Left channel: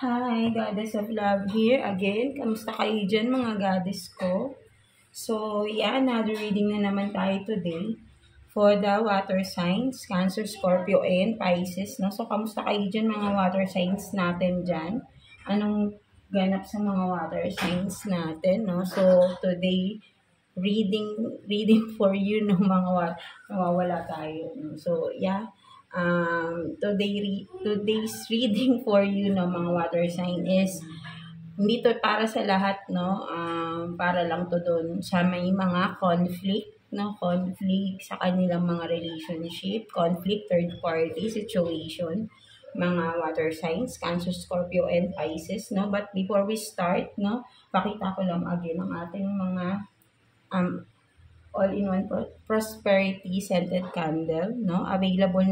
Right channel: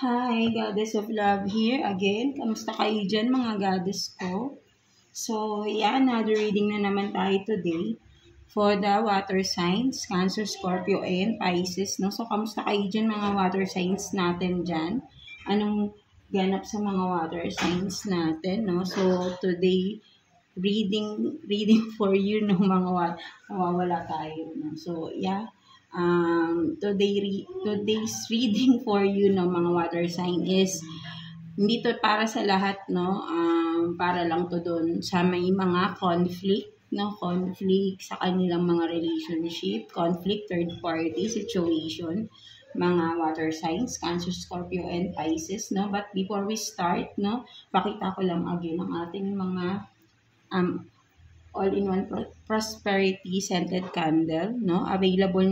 Hi, Goddess of Love here again. Kamusta kayo dyan mga goddess ko? So, yeah, another reading na naman tayo today for the water signs, Cancer, Scorpio, and Pisces. No? So, kamusta kayo dyan mga water signs natin dyan? Anong ganap sa mga water signs natin? No? So, today, reading for you no mga mawawala tayo. No? So, yeah. Today's reading for you no mga water sign is hindi to para sa lahat no, para lang to doon sa may mga conflict sa kanilang mga relationship, conflict, third party situation, mga water signs, Cancer, Scorpio, and Pisces no. But before we start no, pakita ko lang again ang ating mga um, all-in-one prosperity scented candle, no? Available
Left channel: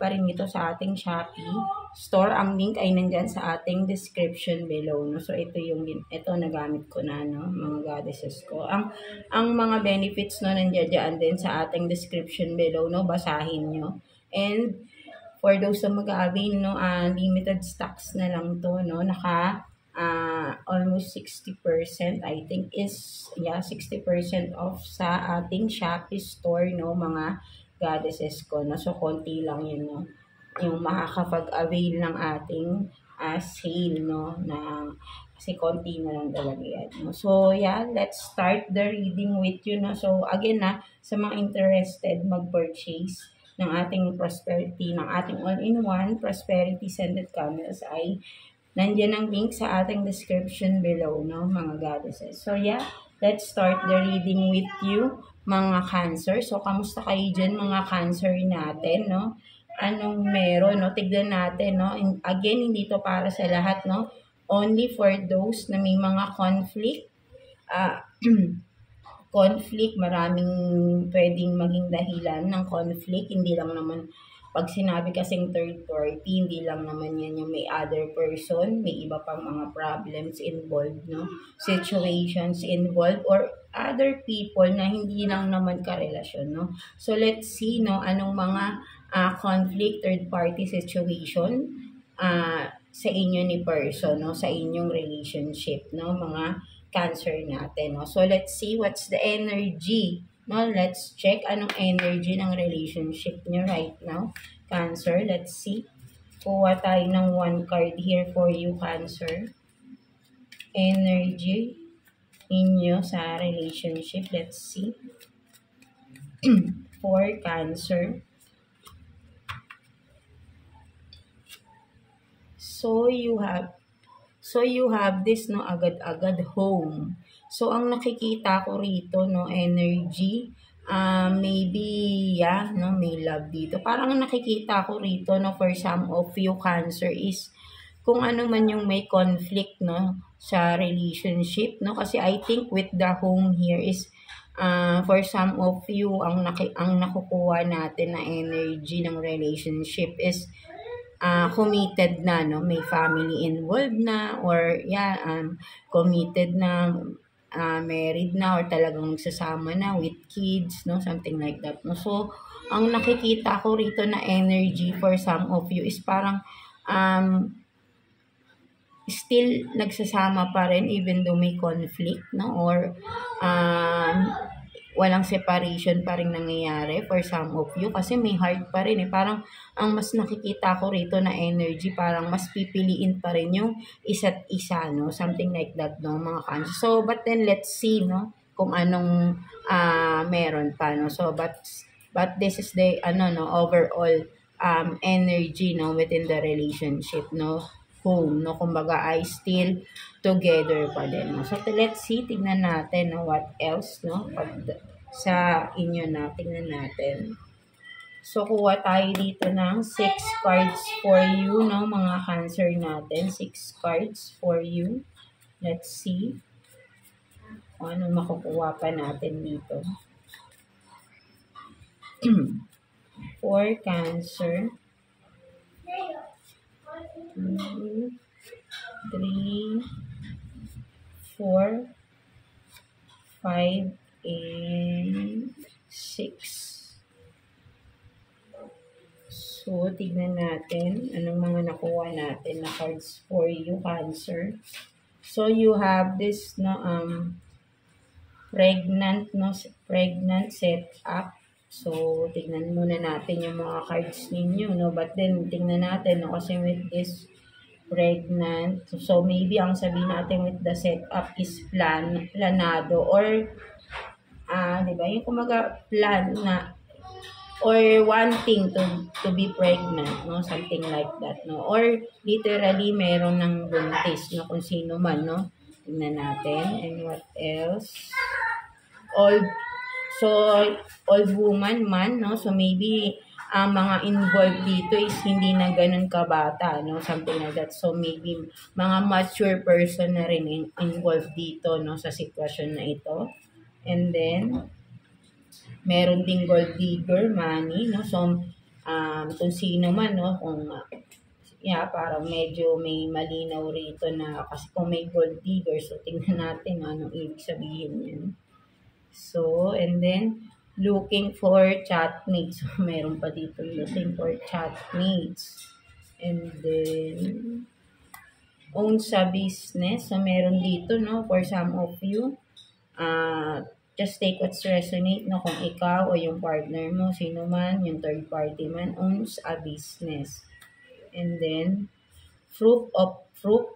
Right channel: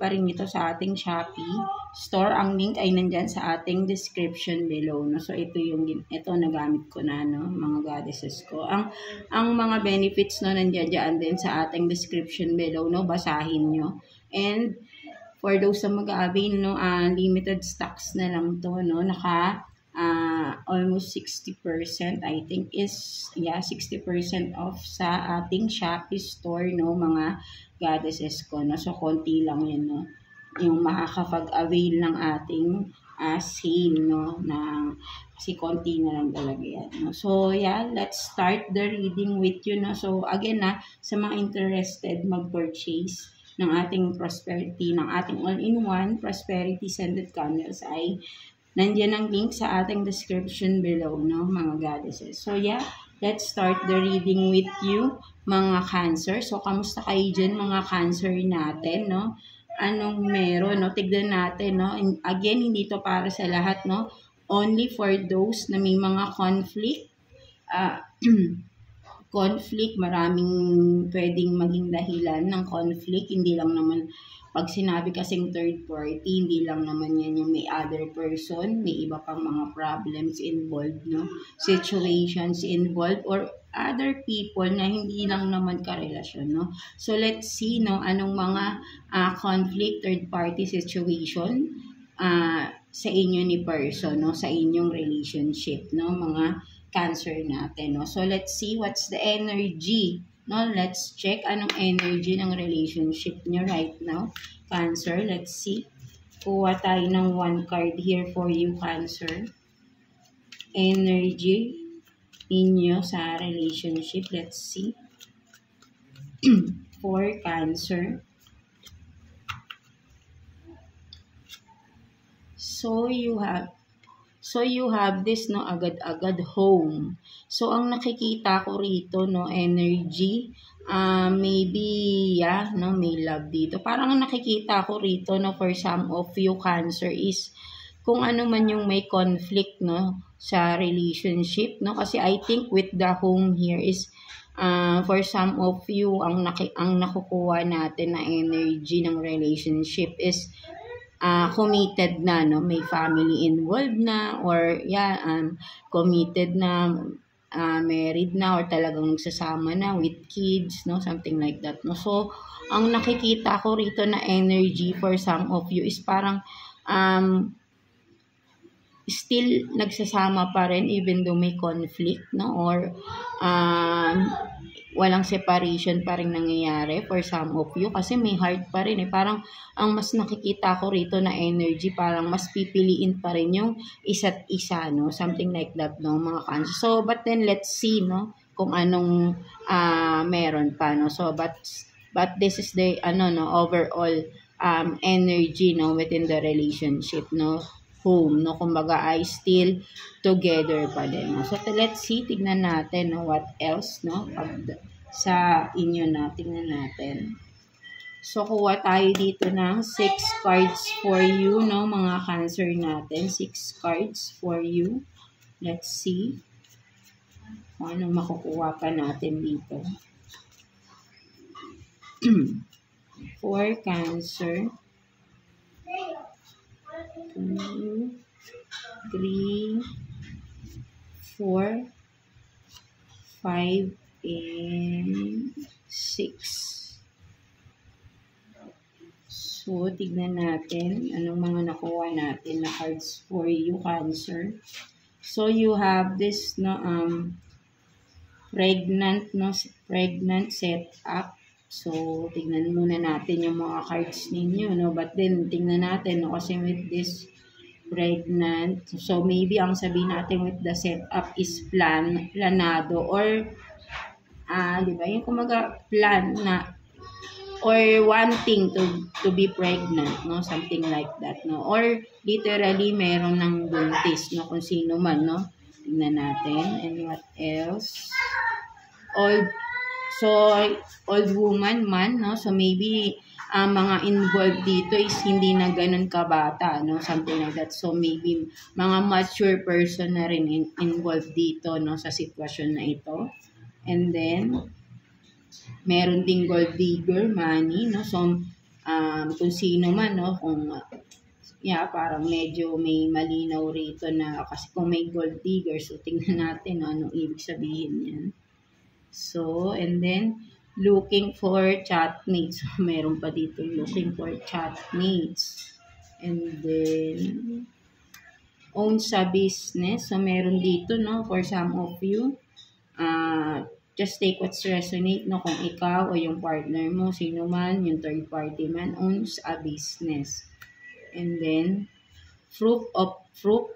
pa rin ito sa ating Shopee store. Ang link ay nandyan sa ating description below, no? So ito nagamit ko na no, mga goddesses ko. Ang mga benefits no nandiyan din sa ating description below, no? Basahin nyo. And for those na mag-avail no, limited stocks na lang to, no? Almost 60% I think is 60% off sa ating Shopee store no mga goddesses ko no. So konti lang yun no yung makakapag-avail ng ating sale no na kasi konti na lang talaga yan no. So yeah, let's start the reading with you no. So again sa mga interested mag-purchase ng ating prosperity, ng ating all-in-one prosperity scented candles ay nandiyan ang link sa ating description below, no, mga goddesses. So, yeah, let's start the reading with you, mga Cancer. So, kamusta kayo dyan, mga Cancer natin, no? Anong meron, no? Tignan natin, no? And again, hindi to para sa lahat, no? Only for those na may mga conflict. Conflict, maraming pwedeng maging dahilan ng conflict. Hindi lang naman pag sinabi kasing third party, hindi lang naman yan yung may other person, may iba pang mga problems involved, no? Situations involved or other people na hindi lang naman karelasyon, no? So let's see, no, anong mga conflict, third party situation sa inyo ni person, no, sa inyong relationship, no, mga Cancer natin, no. So let's see what's the energy. No, let's check anong energy ng relationship nyo right now, Cancer. Let's see. Kuha tayo ng one card here for you, Cancer. Energy ninyo sa relationship. Let's see. For Cancer. So you have this no agad-agad home. So ang nakikita ko rito no energy maybe no may love dito. Parang ang nakikita ko rito no for some of you Cancer is kung ano man yung may conflict no sa relationship no, kasi I think with the home here is for some of you ang nakukuha natin na energy ng relationship is committed na, no? May family involved na or committed na, married na or talagang nagsasama na with kids, no? Something like that, no? So, ang nakikita ko rito na energy for some of you is parang still nagsasama pa rin even though may conflict, no? Or walang separation pa rin nangyayari for some of you kasi may heart pa rin parang ang mas nakikita ko rito na energy parang mas pipiliin pa rin yung isa't isa, no, something like that, no, mga Cancer. So but then let's see, no, kung anong meron pa, no. So but this is the overall energy, no, within the relationship, no, home, no, kumbaga ay still together pa din, no. So let's see, tignan natin, no, what else, no, sa inyo na, tignan natin. So kuha tayo dito ng 6 cards for you, no, mga Cancer natin, 6 cards for you. Let's see kung anong makukuha pa natin dito. For Cancer, 2, 3, 4, 5, and 6. So, tignan natin anong mga nakuha natin na cards for you, Cancer. So, you have this, no, pregnant, no, pregnant setup. So, tignan muna natin yung mga cards ninyo, no, but then, tignan natin, no, kasi with this pregnant, so maybe ang sabihin natin with the setup is planado, or, di ba, yung kumaga plan na, or wanting to be pregnant, no, something like that, no, or literally meron ng buntis, no, kung sino man, no. Tingnan natin. And what else? Old woman man, no, so maybe mga involved dito is hindi na ganun kabata, no, something like that. So maybe mga mature person na rin involved dito, no, sa sitwasyon na ito. And then meron ding gold digger, money, no, so kung sino man, no, kung parang medyo may malinaw rito na, kasi kung may gold digger, so tingnan natin, no, anong ibig sabihin yan. So, and then, looking for chatmates. So, meron pa dito, looking for chatmates. And then, own sa business. So, meron dito, no, for some of you, just take what's resonate, no, kung ikaw o yung partner mo, sino man, yung third party man, owns a business. And then, fruit,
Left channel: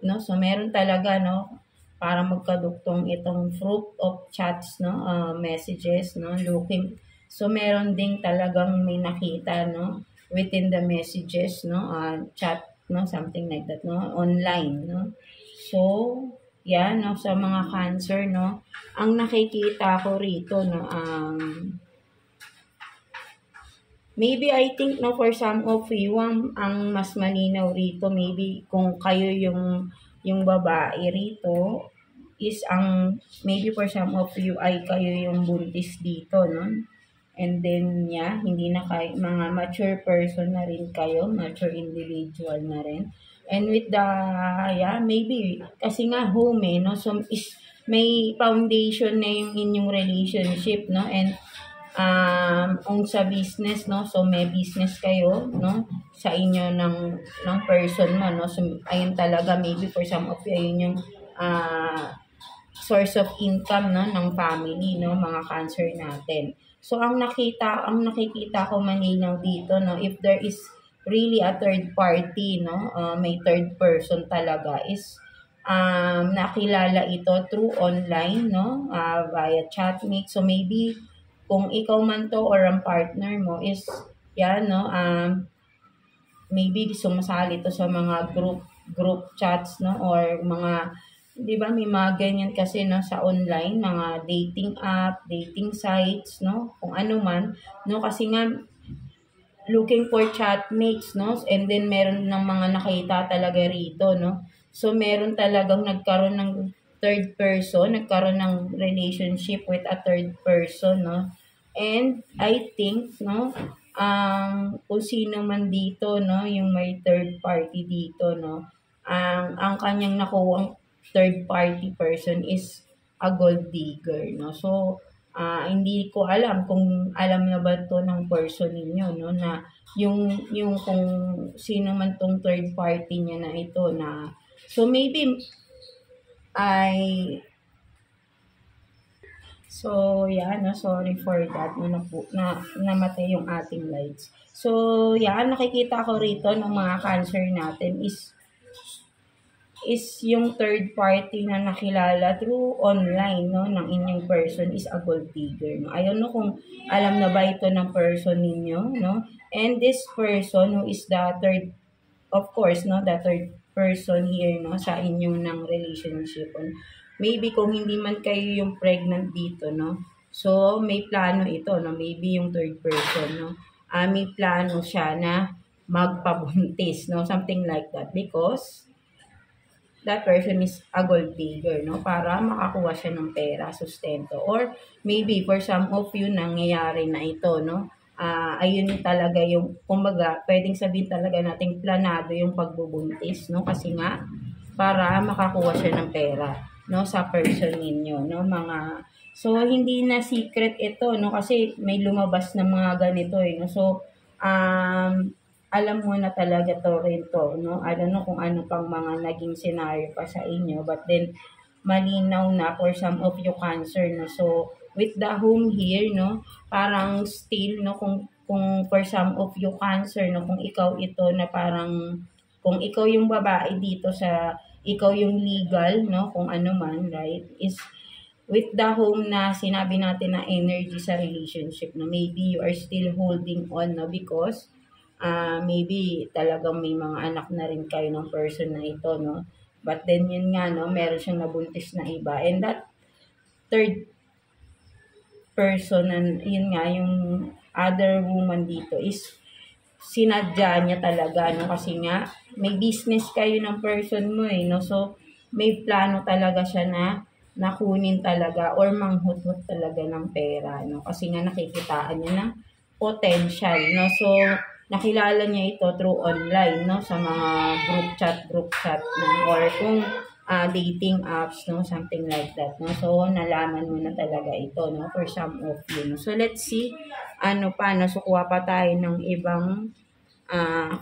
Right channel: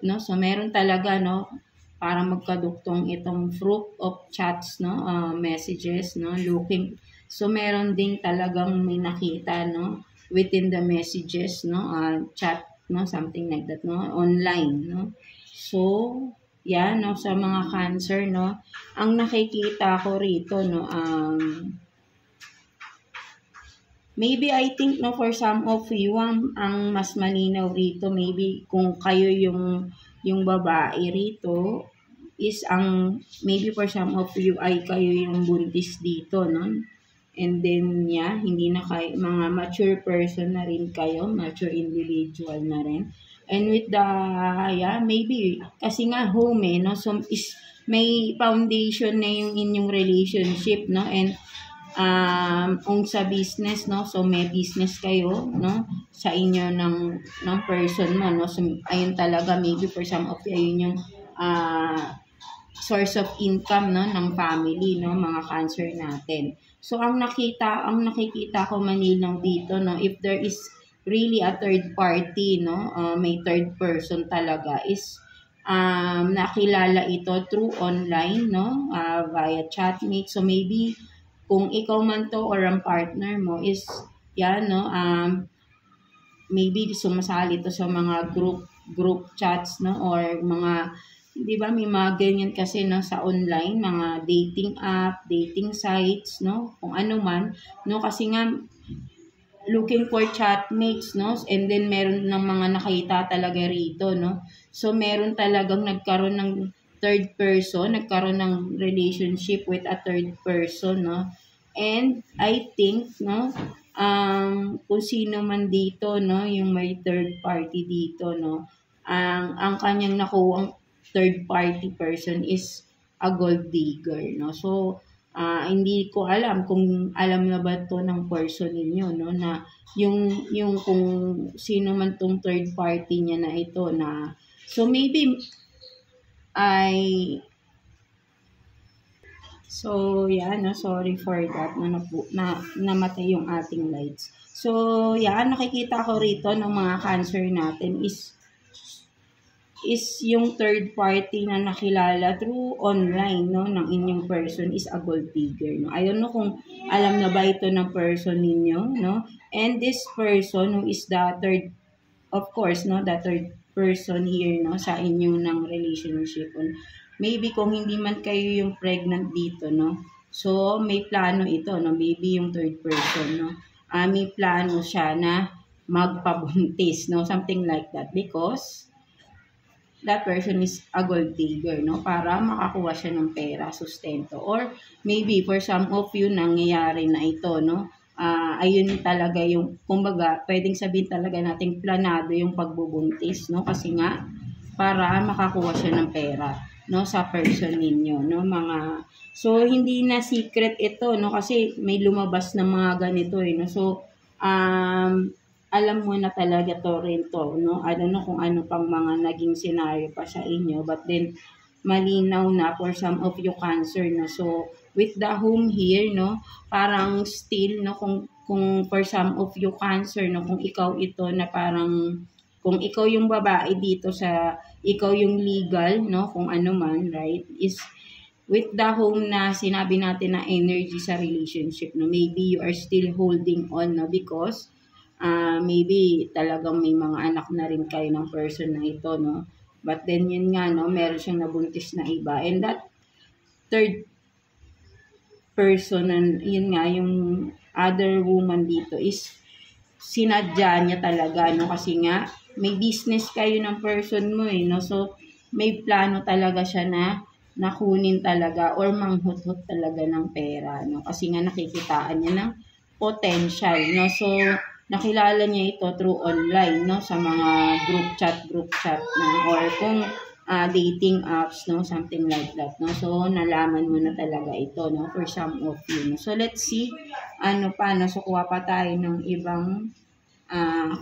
no, so meron talaga, no, para magkaduktong itong fruit of chats, no, messages, no, looking. So, meron ding talagang may nakita, no, within the messages, no, chat, no, something like that, no, online, no. So, yan, no, sa mga Cancer, no, ang nakikita ko rito, no, maybe I think, no, for some of you, ang mas malinaw rito, maybe kung kayo yung babae rito, is maybe for some of you ay kayo yung buntis dito, no? And then, hindi na kayo, mga mature person na rin kayo, mature individual na rin. And with the, maybe, kasi nga home, no? So, may foundation na yung inyong relationship, no? And, sa business, no, so may business kayo, no, sa inyo ng person mo, no, so ayun talaga, maybe for some of you, ayun yung source of income, no, ng family, no, mga Cancer natin. So ang nakikita ko malinaw dito, no, if there is really a third party, no, may third person talaga, is nakilala ito through online, no, via chatmate. So maybe kung ikaw man to or ang partner mo is, no, maybe sumasali to sa mga group chats, no, or mga, di ba, may mga ganyan kasi, no, sa online, mga dating app, dating sites, no, kung ano man, no, kasi nga, looking for chatmates, no, and then meron ng mga nakita talaga rito, no, so meron talagang nagkaroon ng third person, nagkaroon ng relationship with a third person, no? And I think, no, kung sino man dito, no, yung may third party dito, no, ang kanyang nakuwang third party person is a gold digger, no? So, hindi ko alam kung alam na ba to ng person ninyo, no, na yung kung sino man tong third party niya na ito, na, so maybe so, no, sorry for that, no, namatay yung ating lights. So, nakikita ko rito ng mga Cancer natin is yung third party na nakilala through online, no, ng inyong person is a gold digger, no. I don't know kung alam na ba ito ng person ninyo, no, and this person who is the third, of course, no, the third person here, no, sa inyong ng relationship. Maybe kung hindi man kayo yung pregnant dito, no, so may plano ito, no, maybe yung third person, no, may plano siya na magpabuntis, no, something like that, because that person is a gold digger, no, para makakuha siya ng pera, sustento, or maybe for some of you nangyayari na ito, no, ayun talaga yung, kumbaga, pwedeng sabihin talaga nating planado yung pagbubuntis, no, kasi nga, para makakuha siya ng pera, no, sa person ninyo, no, mga, so hindi na secret ito, no, kasi may lumabas na mga ganito, no, so alam mo na talaga to rin to, no? I don't know kung ano pang mga naging scenario pa sa inyo, but then malinaw na for some of you Cancer, no? So, with the home here, no? Parang still, no? Kung for some of you Cancer, no? Kung ikaw ito na parang, kung ikaw yung babae dito sa, ikaw yung legal, no? Kung ano man, right? Is with the home na sinabi natin na energy sa relationship, no? Maybe you are still holding on, no? Because maybe talagang may mga anak na rin kayo ng person na ito, no? But then yun nga, no, meron siyang nabuntis na iba. And that third person, and yun nga, yung other woman dito is sinadya niya talaga, no? Kasi nga, may business kayo ng person mo, eh, no? So, may plano talaga siya na nakunin talaga or manghuthot talaga ng pera, no? Kasi nga nakikitaan niya ng potential, no? So, nakilala niya ito through online, no? Sa mga group chat, no? Or kung dating apps, no? Something like that, no? So, nalaman mo na talaga ito, no? For some of you, no? So, let's see, ano pa, no? So, kuha pa tayo ng ibang,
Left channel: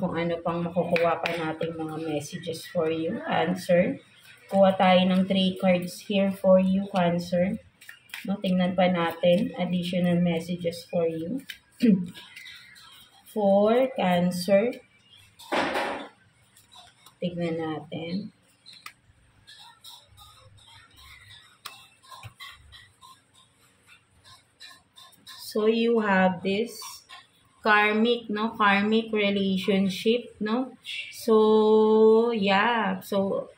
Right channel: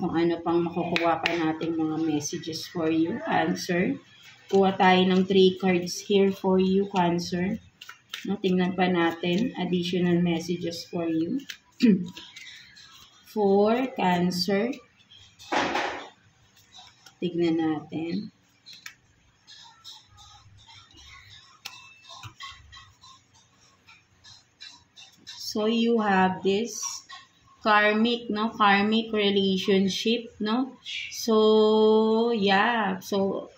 kung ano pang makukuha pa nating mga messages for you, Cancer. Kuha tayo ng 3 cards here for you, Cancer. No, tingnan pa natin additional messages for you. For Cancer. Tignan natin. So you have this karmic, no? Karmic relationship, no? So, yeah. So,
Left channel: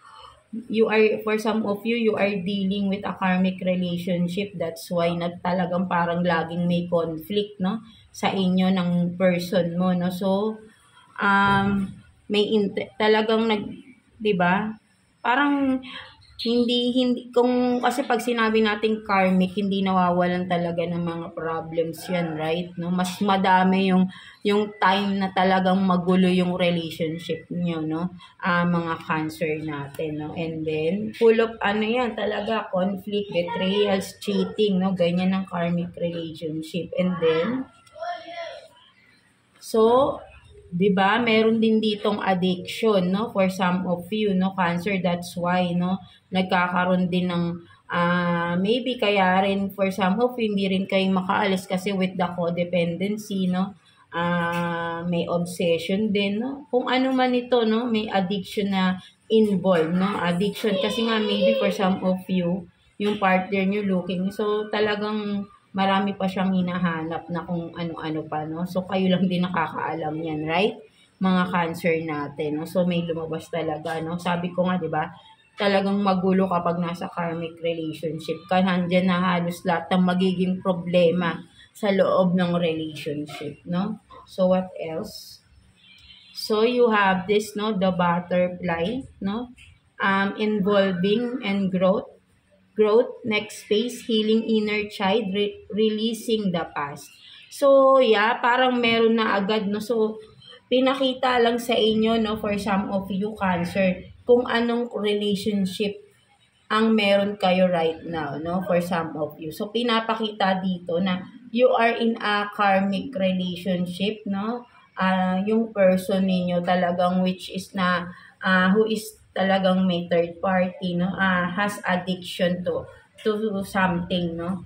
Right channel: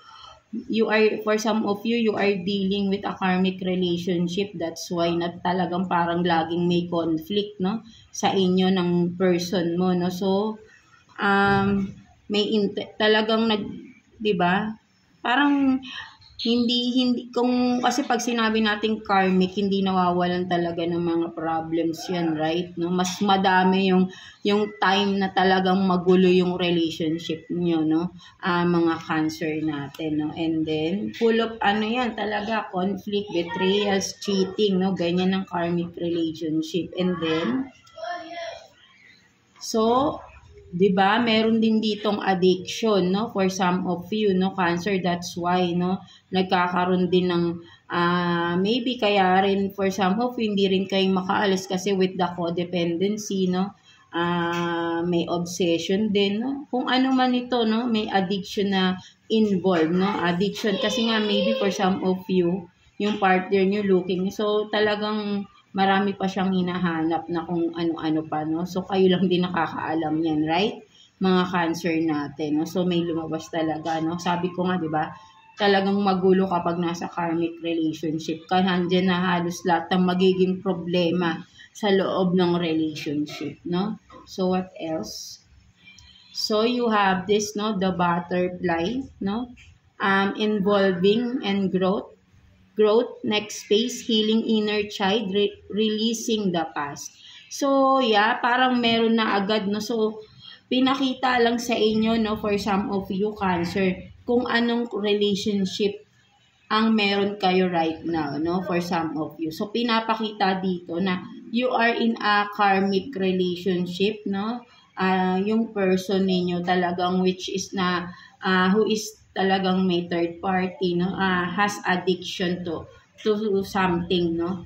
you are, for some of you are dealing with a karmic relationship. That's why na talagang parang laging may conflict, no? Sa inyo ng person mo, no? So, may talagang 'di ba? Parang hindi kung kasi pag sinabi nating karmic, hindi nawawalan talaga ng mga problems 'yan, right? No, mas madami yung time na talagang magulo yung relationship niyo, no? Mga Cancer natin, no? And then full of ano 'yan, talaga conflict, betrayals, cheating, no? Ganyan ang karmic relationship. And then so 'di ba, meron din ditong addiction, no, for some of you, no, Cancer. That's why, no, nagkakaroon din ng maybe kaya rin for some of you hindi rin kayo makaalis kasi with the codependency, no, may obsession din, no, kung ano man ito, no, may addiction na involved, no, addiction kasi nga maybe for some of you yung partner nyo looking, so talagang marami pa siyang hinahanap na kung ano-ano pa, no? So, kayo lang din nakakaalam yan, right? Mga Cancer natin, no? So, may lumabas talaga, no? Sabi ko nga, di ba? Talagang magulo kapag nasa karmic relationship ka. Handyan na halos lahat ng magiging problema sa loob ng relationship, no? So, what else? So, you have this, no? The butterfly, no? Involving and growth, next phase, healing inner child, releasing the past. So, yeah, parang meron na agad, no? So, pinakita lang sa inyo, no, for some of you Cancer, kung anong relationship ang meron kayo right now, no, for some of you. So, pinapakita dito na you are in a karmic relationship, no? Yung person ninyo talagang which is na, who is talagang may third party, no, has addiction to something, no.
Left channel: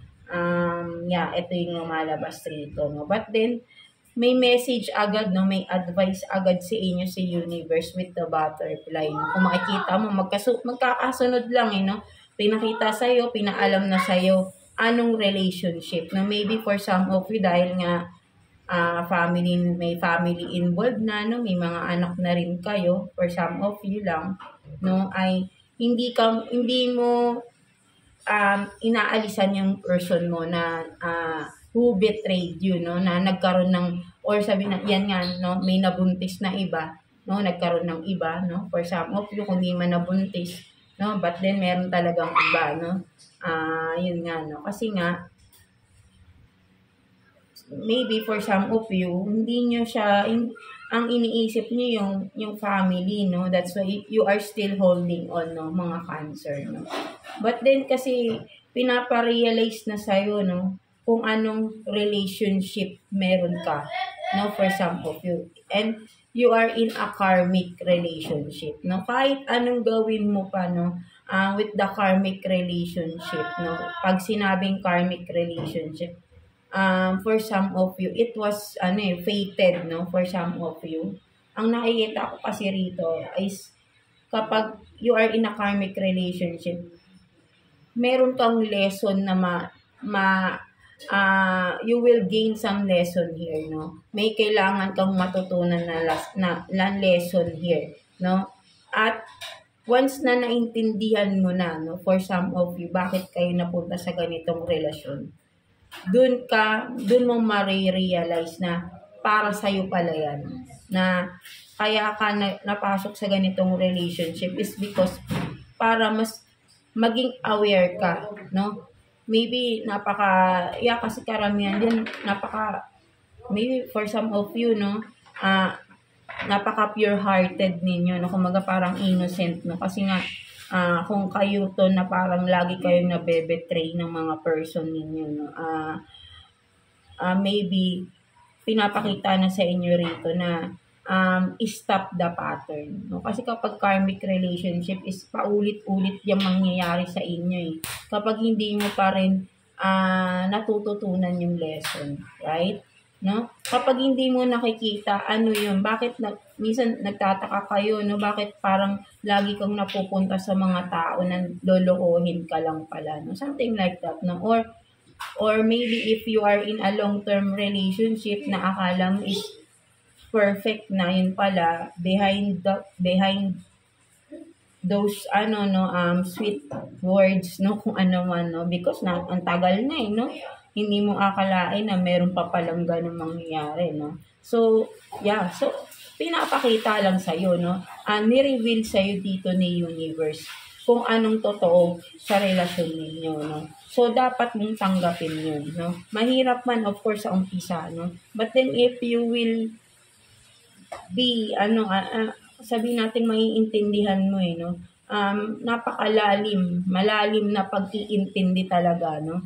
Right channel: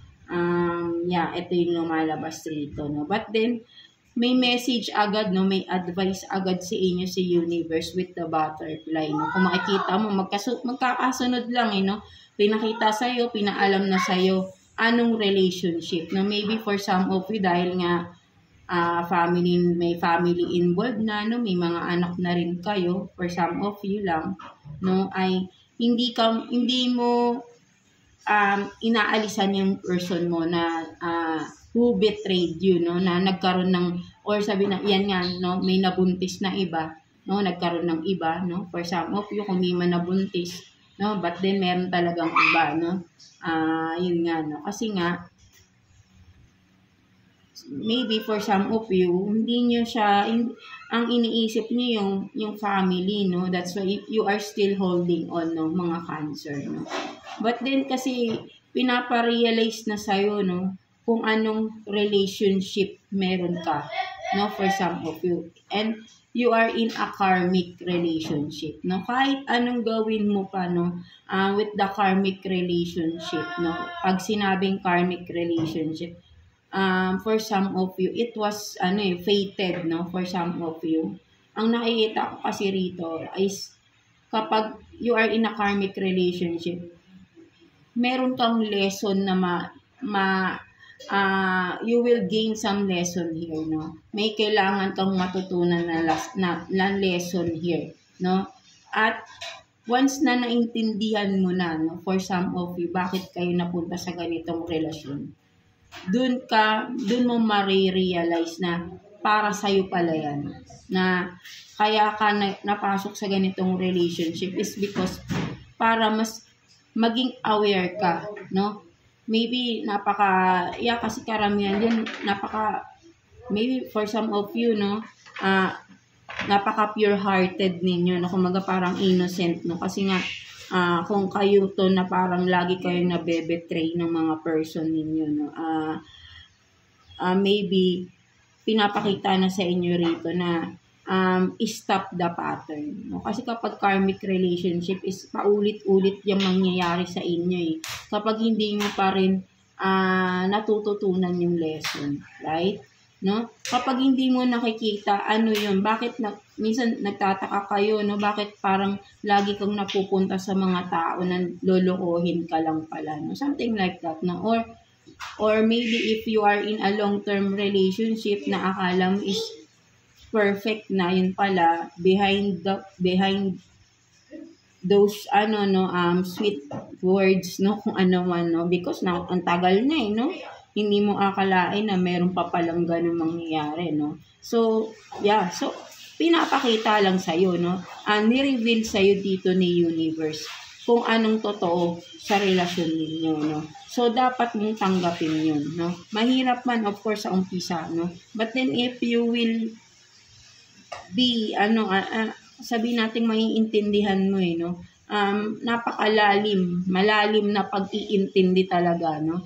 Yeah, ito yung lumalabas rito, no. But then, may message agad, no, may advice agad sa inyo si universe with the butterfly, no. Kung makikita mo, magkakasunod lang, no. Pinakita sa'yo, pinaalam na sa'yo, anong relationship, na maybe for some of you, dahil nga, may family involved na, no, may mga anak na rin kayo, for some of you lang, no, ay hindi mo inaalisan yung person mo na who betrayed you, no, na nagkaroon ng, or sabi na yan nga, no, may nabuntis na iba, no, nagkaroon ng iba, no, for some of you kung di man nabuntis, no, but then meron talagang iba, no, yun nga, no, kasi nga maybe for some of you, hindi nyo siya, ang iniisip nyo yung family, no? That's why you are still holding on, no? Mga Cancer, no? But then kasi, pinaparealize na sa'yo, no? Kung anong relationship meron ka, no? For some of you. And you are in a karmic relationship, no? Kahit anong gawin mo pa, no, with the karmic relationship, no? Pag sinabing karmic relationship, for some of you, it was, fated, no? For some of you. Ang nakikita ko kasi rito is, kapag you are in a karmic relationship, meron kang lesson na you will gain some lesson here, no? May kailangan kang matutunan na lesson here, no? At once na naintindihan mo na, no, for some of you, bakit kayo napunta sa ganitong relasyon, dun mo marirealize na para sa'yo pala yan. Na kaya ka napasok sa ganitong relationship is because para mas maging aware ka, no? Maybe kasi karamihan yan, maybe for some of you, no, napaka pure-hearted ninyo, no? Kumaga parang innocent, no? Kasi nga, kung kayo to na parang lagi kayong nabebetray ng mga person ninyo, no? Maybe, pinapakita na sa inyo rito na stop the pattern, no? Kasi kapag karmic relationship is paulit-ulit yung mangyayari sa inyo eh. Kapag hindi mo pa rin natututunan yung lesson, right? No? Kapag hindi mo nakikita ano yun, bakit minsan nagtataka kayo, no? Bakit parang lagi kang napupunta sa mga tao na lolokohin ka lang pala, no? Something like that, no? Or maybe if you are in a long-term relationship na akala mo is perfect na, yun pala behind those sweet words, no, kung ano man, no, because ang tagal na no, hindi mo akalain na meron pa palang ganung mangyayari, no. So pinapakita lang sa iyo, no, ni-reveal sa iyo dito ni universe kung anong totoo sa relasyon ninyo, no. So dapat mong tanggapin yun, no. Mahirap man of course sa umpisa, no, but then if you will be sabi nating maiintindihan mo no, malalim na pag-iintindi talaga, no.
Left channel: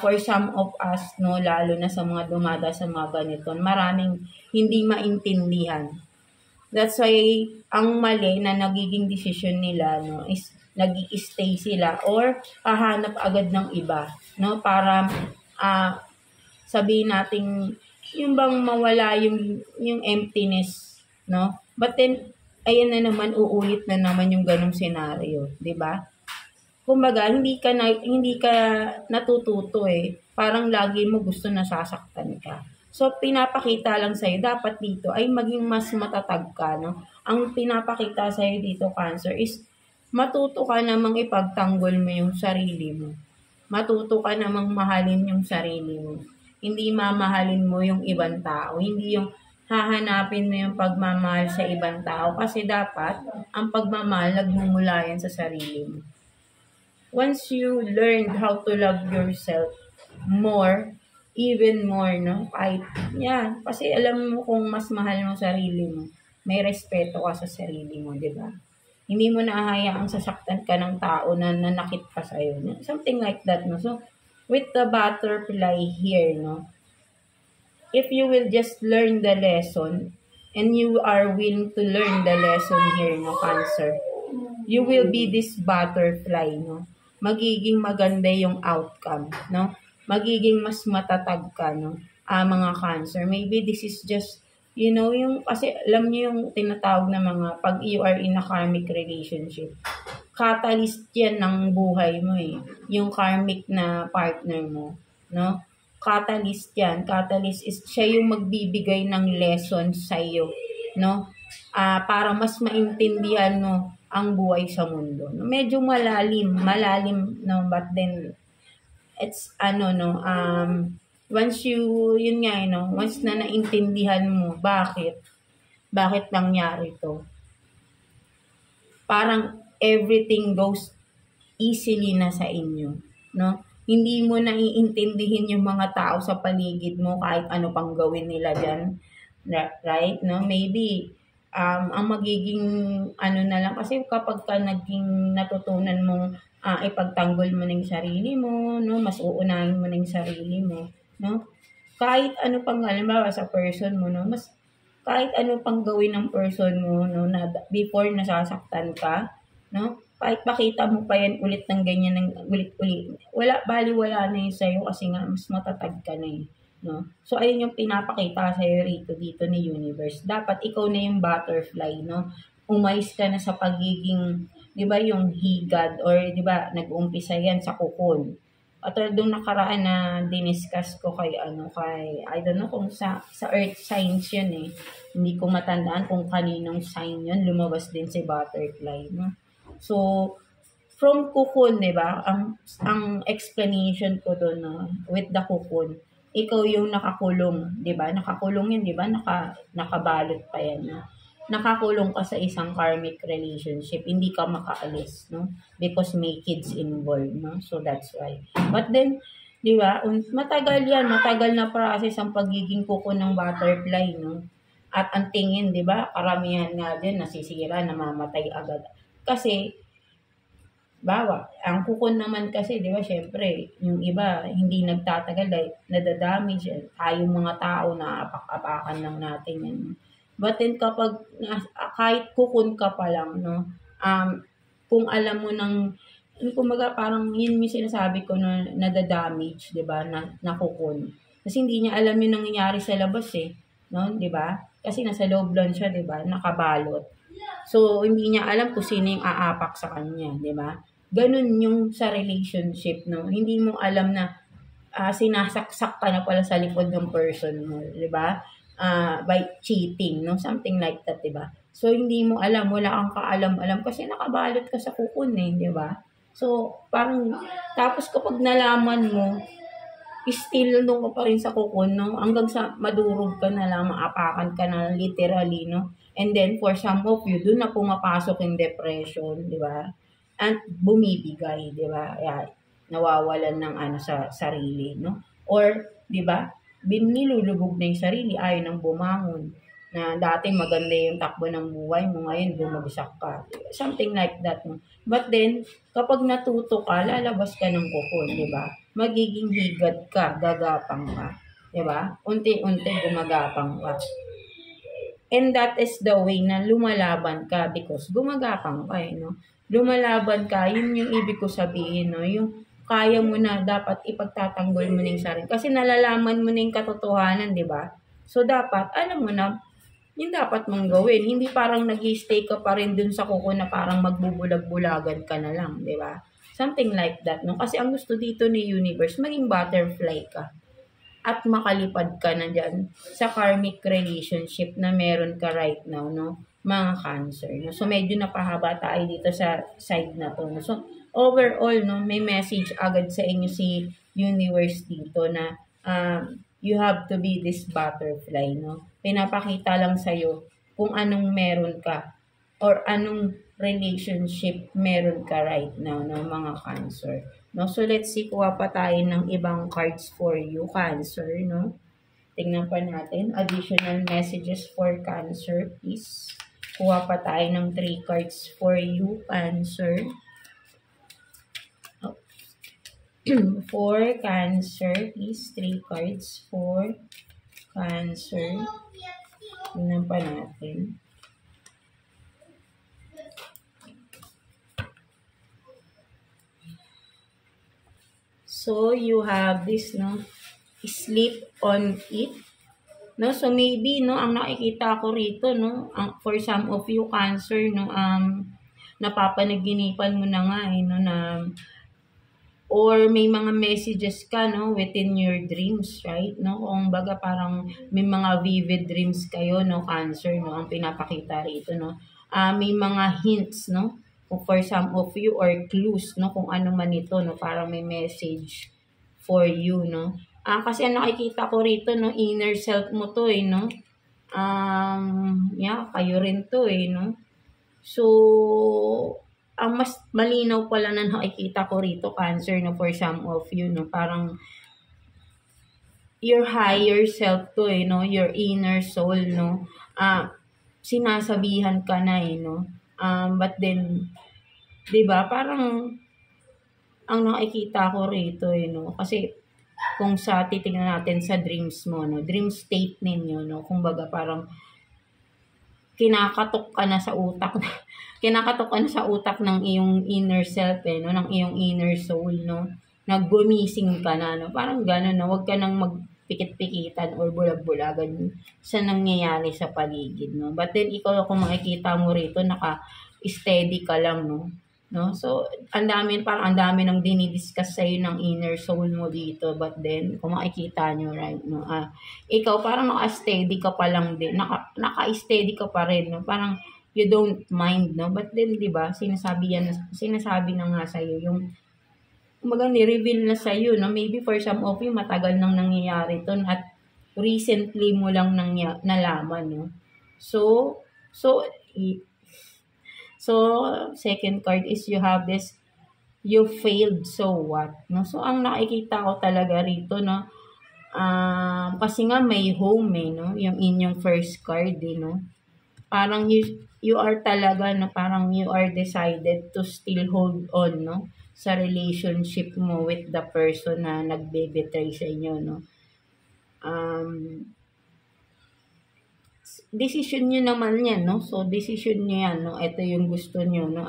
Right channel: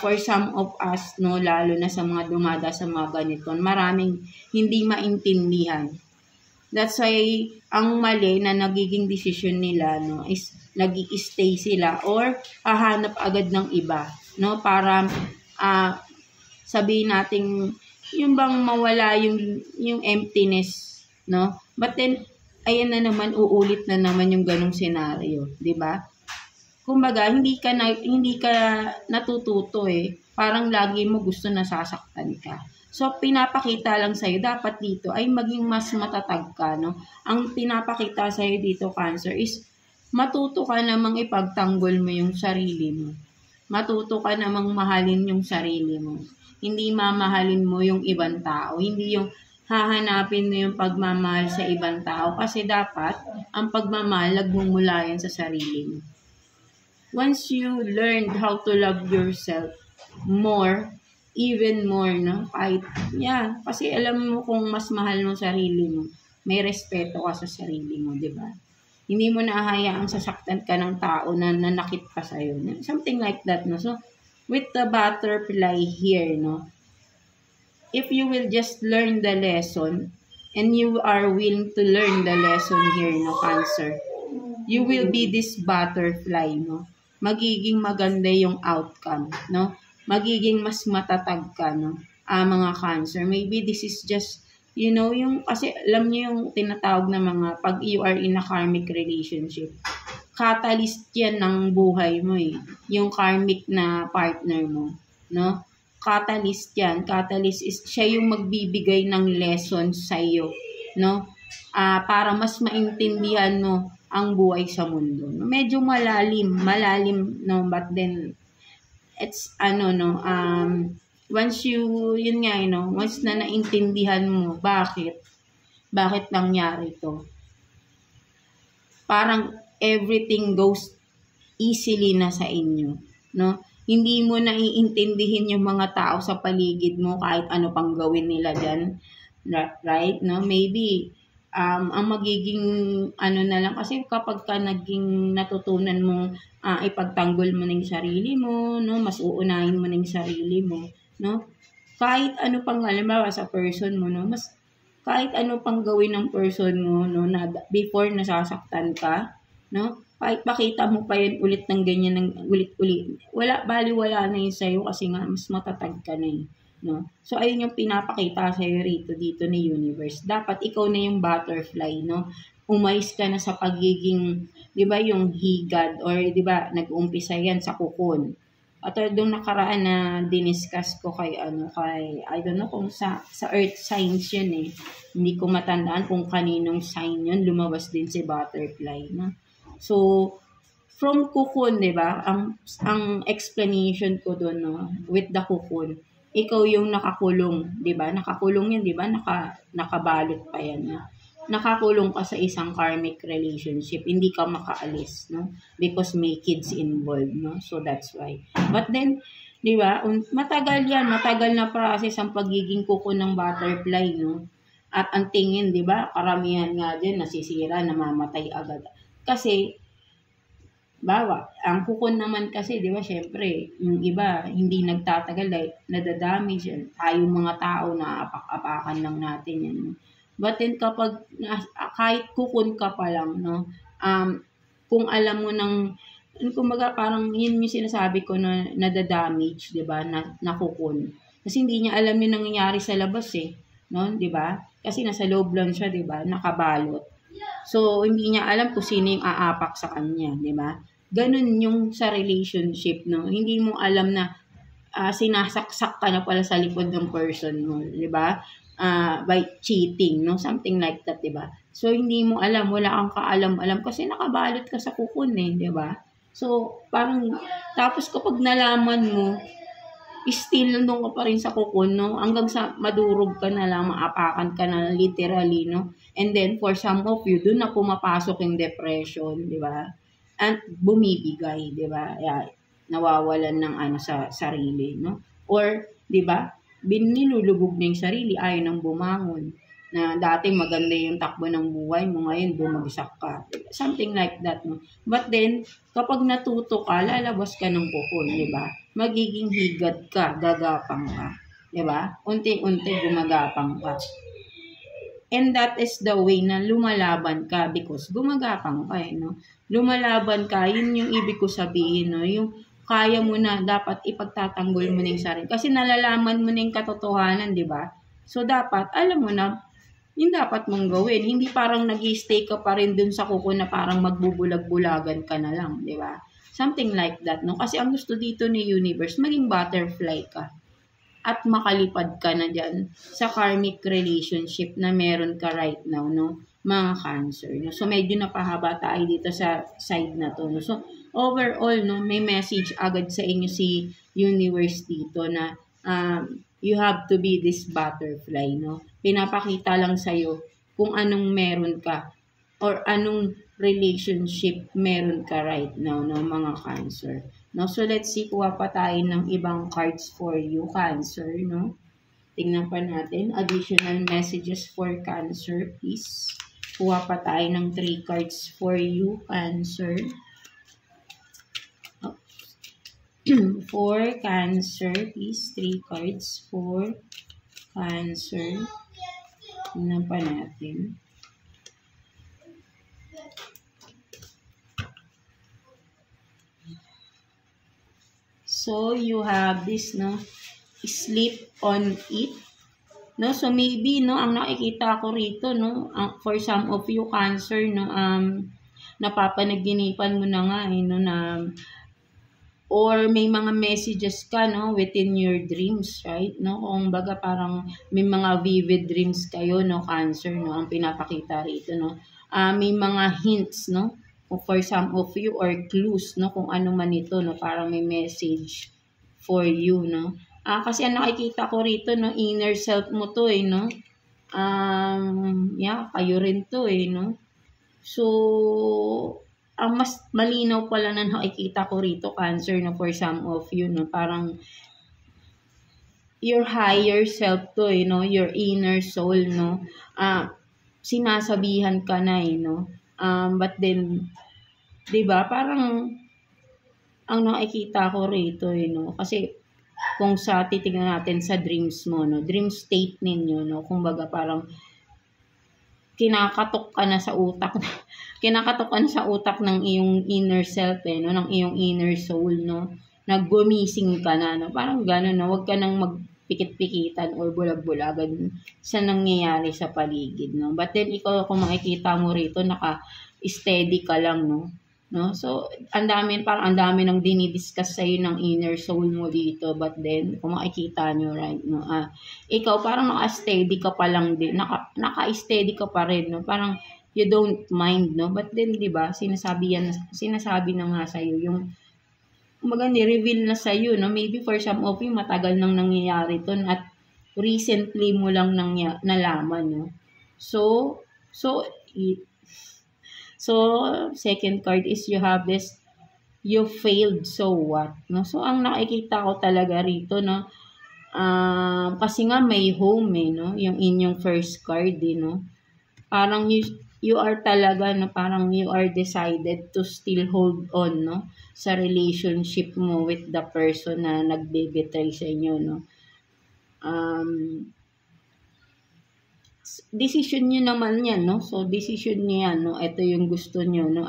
For some of us, no, lalo na sa mga dumada sa mga ganito, maraming hindi maintindihan. That's why ang mali na nagiging desisyon nila, no, is nag-i-stay sila or hahanap agad ng iba, no, para sabihin nating yung bang mawala yung emptiness, no? But then ayan na naman, uulit na naman yung ganung senaryo, 'di ba? Kumbaga, hindi ka natututo Parang lagi mo gusto nasasaktan ka. So pinapakita lang sa iyo dapat dito ay maging mas matatag ka, no? Ang pinapakita sa iyo dito, Cancer, is matuto ka namang ipagtanggol mo yung sarili mo. Matuto ka namang mahalin yung sarili mo. Hindi mamahalin mo yung ibang tao. Hindi yung hahanapin mo yung pagmamahal sa ibang tao. Kasi dapat, ang pagmamahal, nagmumula yan sa sarili mo. Once you learned how to love yourself more, even more, no? Kasi alam mo kung mas mahal mo sarili mo, may respeto ka sa sarili mo, di ba? Hindi mo na hahayaang sasaktan ka ng tao na nanakit pa sa'yo. Something like that, no? So, with the butterfly here, no, if you will just learn the lesson and you are willing to learn the lesson here, no, Cancer, you will be this butterfly, no. Magiging maganda yung outcome, no. Magiging mas matatag ka, no, mga Cancer. Maybe this is just, yung, kasi alam niyo yung tinatawag na mga, pag you are in a karmic relationship, catalyst yan ng buhay mo yung karmic na partner mo, no? Catalyst yan. Catalyst is siya yung magbibigay ng lessons sa iyo, no? Para mas maintindihan mo ang buhay sa mundo. No? Medyo malalim, no? But then it's once once na naintindihan mo bakit nangyari to, parang everything goes easily na sa inyo, no? Hindi mo na iintindihin yung mga tao sa paligid mo kahit ano pang gawin nila diyan, right? No, maybe ang magiging na lang, kasi kapag ka naging natutunan mo ipagtanggol mo ng sarili mo, no, mas uunahin mo ng sarili mo, no? Kahit ano pang halimbawa sa person mo, no, mas kahit ano pang gawin ng person mo, no, na before nasasaktan ka, no, kahit pakita mo pa yan ulit ng ganyan, ng ulit-ulit, wala na yun sa'yo kasi nga, mas matatag ka na eh. No? So, ayun yung pinapakita sa'yo rito, dito ni universe. Dapat ikaw na yung butterfly, no? Umalis ka na sa pagiging, di ba, yung higad, or di ba, nag-umpisa yan sa kukon. At doon nakaraan na diniscuss ko kay, I don't know kung sa earth signs yun eh. Hindi ko matandaan kung kaninong sign yun, lumabas din si butterfly, no? So, from kukon, di ba, ang explanation ko doon, no, with the kukon, ikaw yung nakakulong, 'di ba? Nakakulong 'yan, 'di ba? Nakabalot pa 'yan. No? Nakakulong ka sa isang karmic relationship, hindi ka makaalis, no? Because may kids involved, no? So that's why. But then, 'di ba? Matagal na process ang pagiging kuko ng butterfly, no? At ang tingin, 'di ba? Karamihan nga din nasisira, namamatay agad. Kasi ang kukon naman kasi, di ba, syempre, yung iba, hindi nagtatagal dahil nadadamage. Tayo mga tao na apak-apakan lang natin yan. But then, kahit kukon ka pa lang, no, kung alam mo kumaga, parang yun yung sinasabi ko na nadadamage, di ba, na kukon. Kasi hindi niya alam yung nangyayari sa labas eh, no, di ba? Kasi nasa loob lang siya, di ba, nakabalot. So, hindi niya alam kung sino yung aapak sa kanya, di ba? Ganun yung sa relationship, no? Hindi mo alam na sinasaksak ka na pala sa likod ng person mo, di ba? By cheating, no? Something like that, di ba? So, hindi mo alam, wala kang kaalam-alam kasi nakabalot ka sa kukun eh, di ba? So, parang, tapos kapag nalaman mo, still nung ka pa rin sa kukun, no? Hanggang sa madurog ka na lang, maapakan ka na literally, no? And then, for some of you, dun na pumapasok yung depression, di ba? At bumibigay, di ba? Nawawalan ng sa sarili, no? Or, di ba? Nilulubog na yung sarili, ayaw nang bumangon. Na dati maganda yung takbo ng buhay mo, ngayon bumagsak ka. Something like that, no? But then, kapag natuto ka, lalabas ka ng kukun, di ba? Magiging higad ka, gagapang ka. Di ba? Unti-unti gumagapang ka. And that is the way na lumalaban ka because gumagapang ka eh, no? Lumalaban ka, yun yung ibig ko sabihin, no? Yung kaya mo na dapat ipagtatanggol mo na yung sarili. Kasi nalalaman mo na yung katotohanan, di ba? So, dapat, alam mo na, yung dapat mong gawin. Hindi parang nag-stay ka pa rin dun sa kuko na parang magbubulag-bulagan ka na lang, di ba? Something like that, no? Kasi ang gusto dito ni universe, maging butterfly ka. At makalipad ka na dyan sa karmic relationship na meron ka right now, no? Mga Cancer, no? So, medyo napahaba tayo dito sa side na to, no? So, overall, no, may message agad sa inyo si universe dito na you have to be this butterfly, no? Pinapakita lang sa'yo kung anong meron ka or anong relationship meron ka right now, no, mga Cancer. No? So, let's see, kuha pa tayo ng ibang cards for you, Cancer, no? Tingnan pa natin. Additional messages for Cancer, please. Kuha pa tayo ng 3 cards for you, Cancer. For Cancer, please. 3 cards for Cancer. Tingnan pa natin. So, you have this, no? Sleep on it. No? So, maybe, no, ang nakikita ko rito, no, for some of you, Cancer, no, napapanaginipan mo na nga, no, na, or may mga messages ka, no, within your dreams, right? No? Kung baga parang may mga vivid dreams kayo, no, Cancer, no, ang pinapakita rito, no. May mga hints, no, for some of you, or clues, no, kung ano man ito, no, para may message for you, no. Kasi ang nakikita ko rito, no, inner self mo to eh, no. Kayo rin to eh, no. So, ang mas malinaw pala na nakikita ko rito, Cancer, no, for some of you, no, parang your higher self to eh, no, your inner soul, no. Sinasabihan ka na eh, no. But then, di ba, parang ang nakikita ko rito eh, no, kasi kung titignan natin sa dreams mo, no, dream state ninyo, no, kumbaga parang kinakatok ka na sa utak kinakatok ka na sa utak ng iyong inner self no, ng iyong inner soul no, naggumising ka na no, parang gano'n no, wag ka nang magpikit-pikitan or bulag-bulagan sa nangyayari sa paligid no. But then ikaw kung makikita mo rito naka-steady ka lang no. So ang dami nang dinidiscuss sa ng inner soul mo dito, but then kung makikita nyo right no, ikaw parang naka-steady ka pa lang din, naka-steady ka pa rin no, parang you don't mind no, but then di ba sinasabi na nga sa yung ni-reveal na sa no, maybe for some of you matagal nang nangyayari to at recently mo lang nalaman no. So second card is you have this, you failed, so what no. So ang nakikita ko talaga rito no, kasi nga may home no, yung inyong first card no, parang you are talaga na parang you are decided to still hold on no sa relationship mo with the person na nagbe-betray sa inyo no. Decision nyo naman yan no, so decision nyo yan no, ito yung gusto nyo no,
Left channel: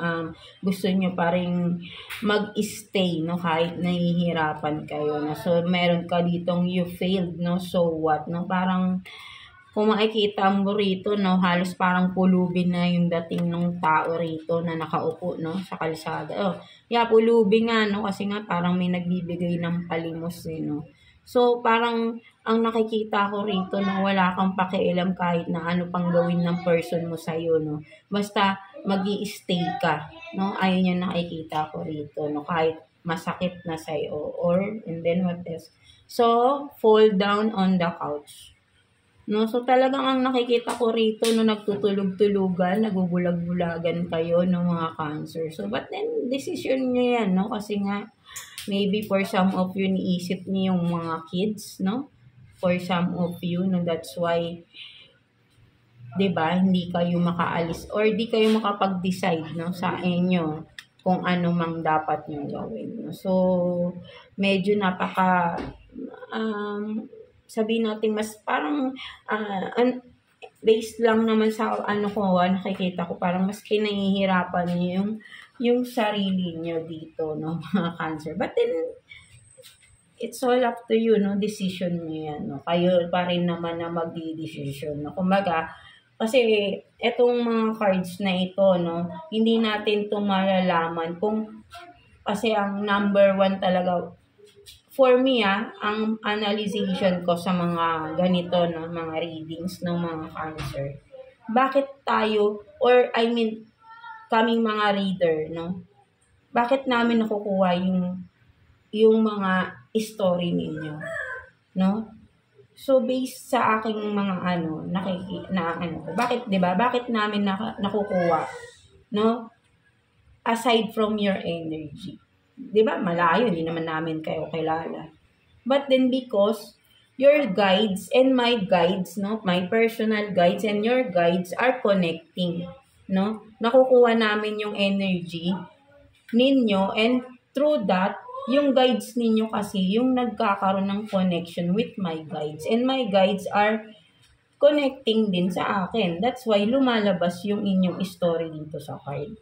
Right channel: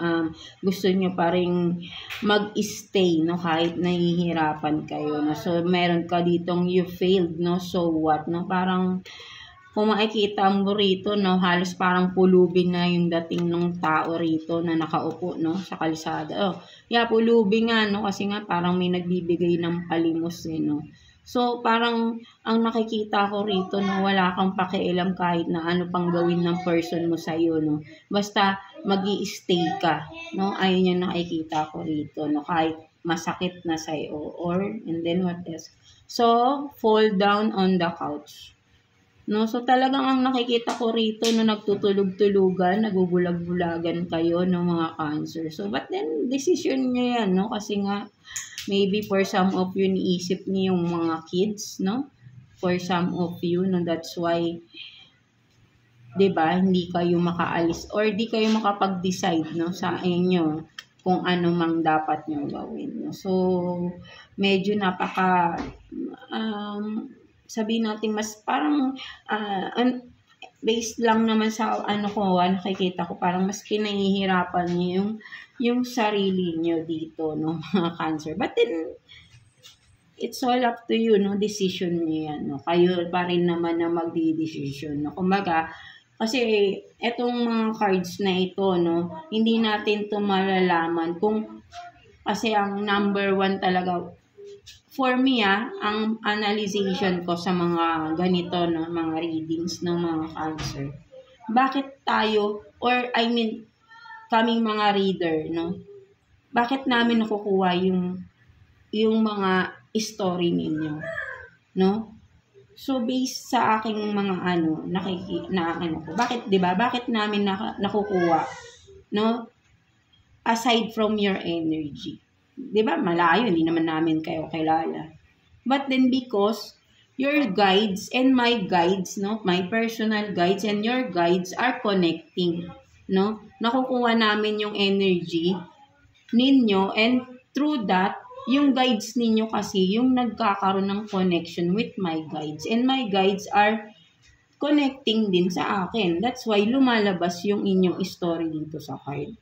gusto nyo pa rin mag-stay no kahit nahihirapan kayo no. So meron ka ditong you failed no, so what no, parang kung makikita mo rito no, halos parang pulubin na yung dating ng tao rito na nakaupo no sa kalsada. Pulubin nga no, kasi nga parang may nagbibigay ng palimos no. So parang ang nakikita ko rito no, wala kang pakialam kahit na ano pang gawin ng person mo sa iyo no. Basta magi-stay ka no. Ayun yung nakikita ko rito no, kahit masakit na sa iyo or and then what else. So fall down on the couch. No, so talagang ang nakikita ko rito no, nagtutulog-tulugan, nagubulag-bulagan kayo ng mga Cancer. So but then decision niyo yan no, kasi nga maybe for some of you niisip niyo yung mga kids no. For some of you no, that's why 'di ba hindi kayo makaalis or di kayo makapag-decide no sa inyo kung ano mang dapat niyo gawin no. So medyo sabihin natin mas parang based lang naman sa nakikita ko, parang mas pinahihirapan niyo yung sarili niyo dito no mga Cancer. But then it's all up to you no, decision niyo yan no. Kayo pa rin naman na magdi-decision no. Kumbaga kasi etong mga cards na ito no, hindi natin to malalaman kung kasi ang number 1 talaga for me ang analyzation ko sa mga ganito no, mga readings ng mga Cancer. Bakit tayo or I mean kaming mga reader no, bakit namin nakukuha yung mga story ninyo no? So based sa aking mga bakit 'di ba? Bakit namin nakukuha no? Aside from your energy. 'Di ba? Malayo, hindi naman namin kayo kilala. But then because your guides and my guides no, my personal guides and your guides are connecting no. Nakukuha namin yung energy ninyo and through that yung guides ninyo kasi yung nagkakaroon ng connection with my guides and my guides are connecting din sa akin. That's why lumalabas yung inyong story dito sa card.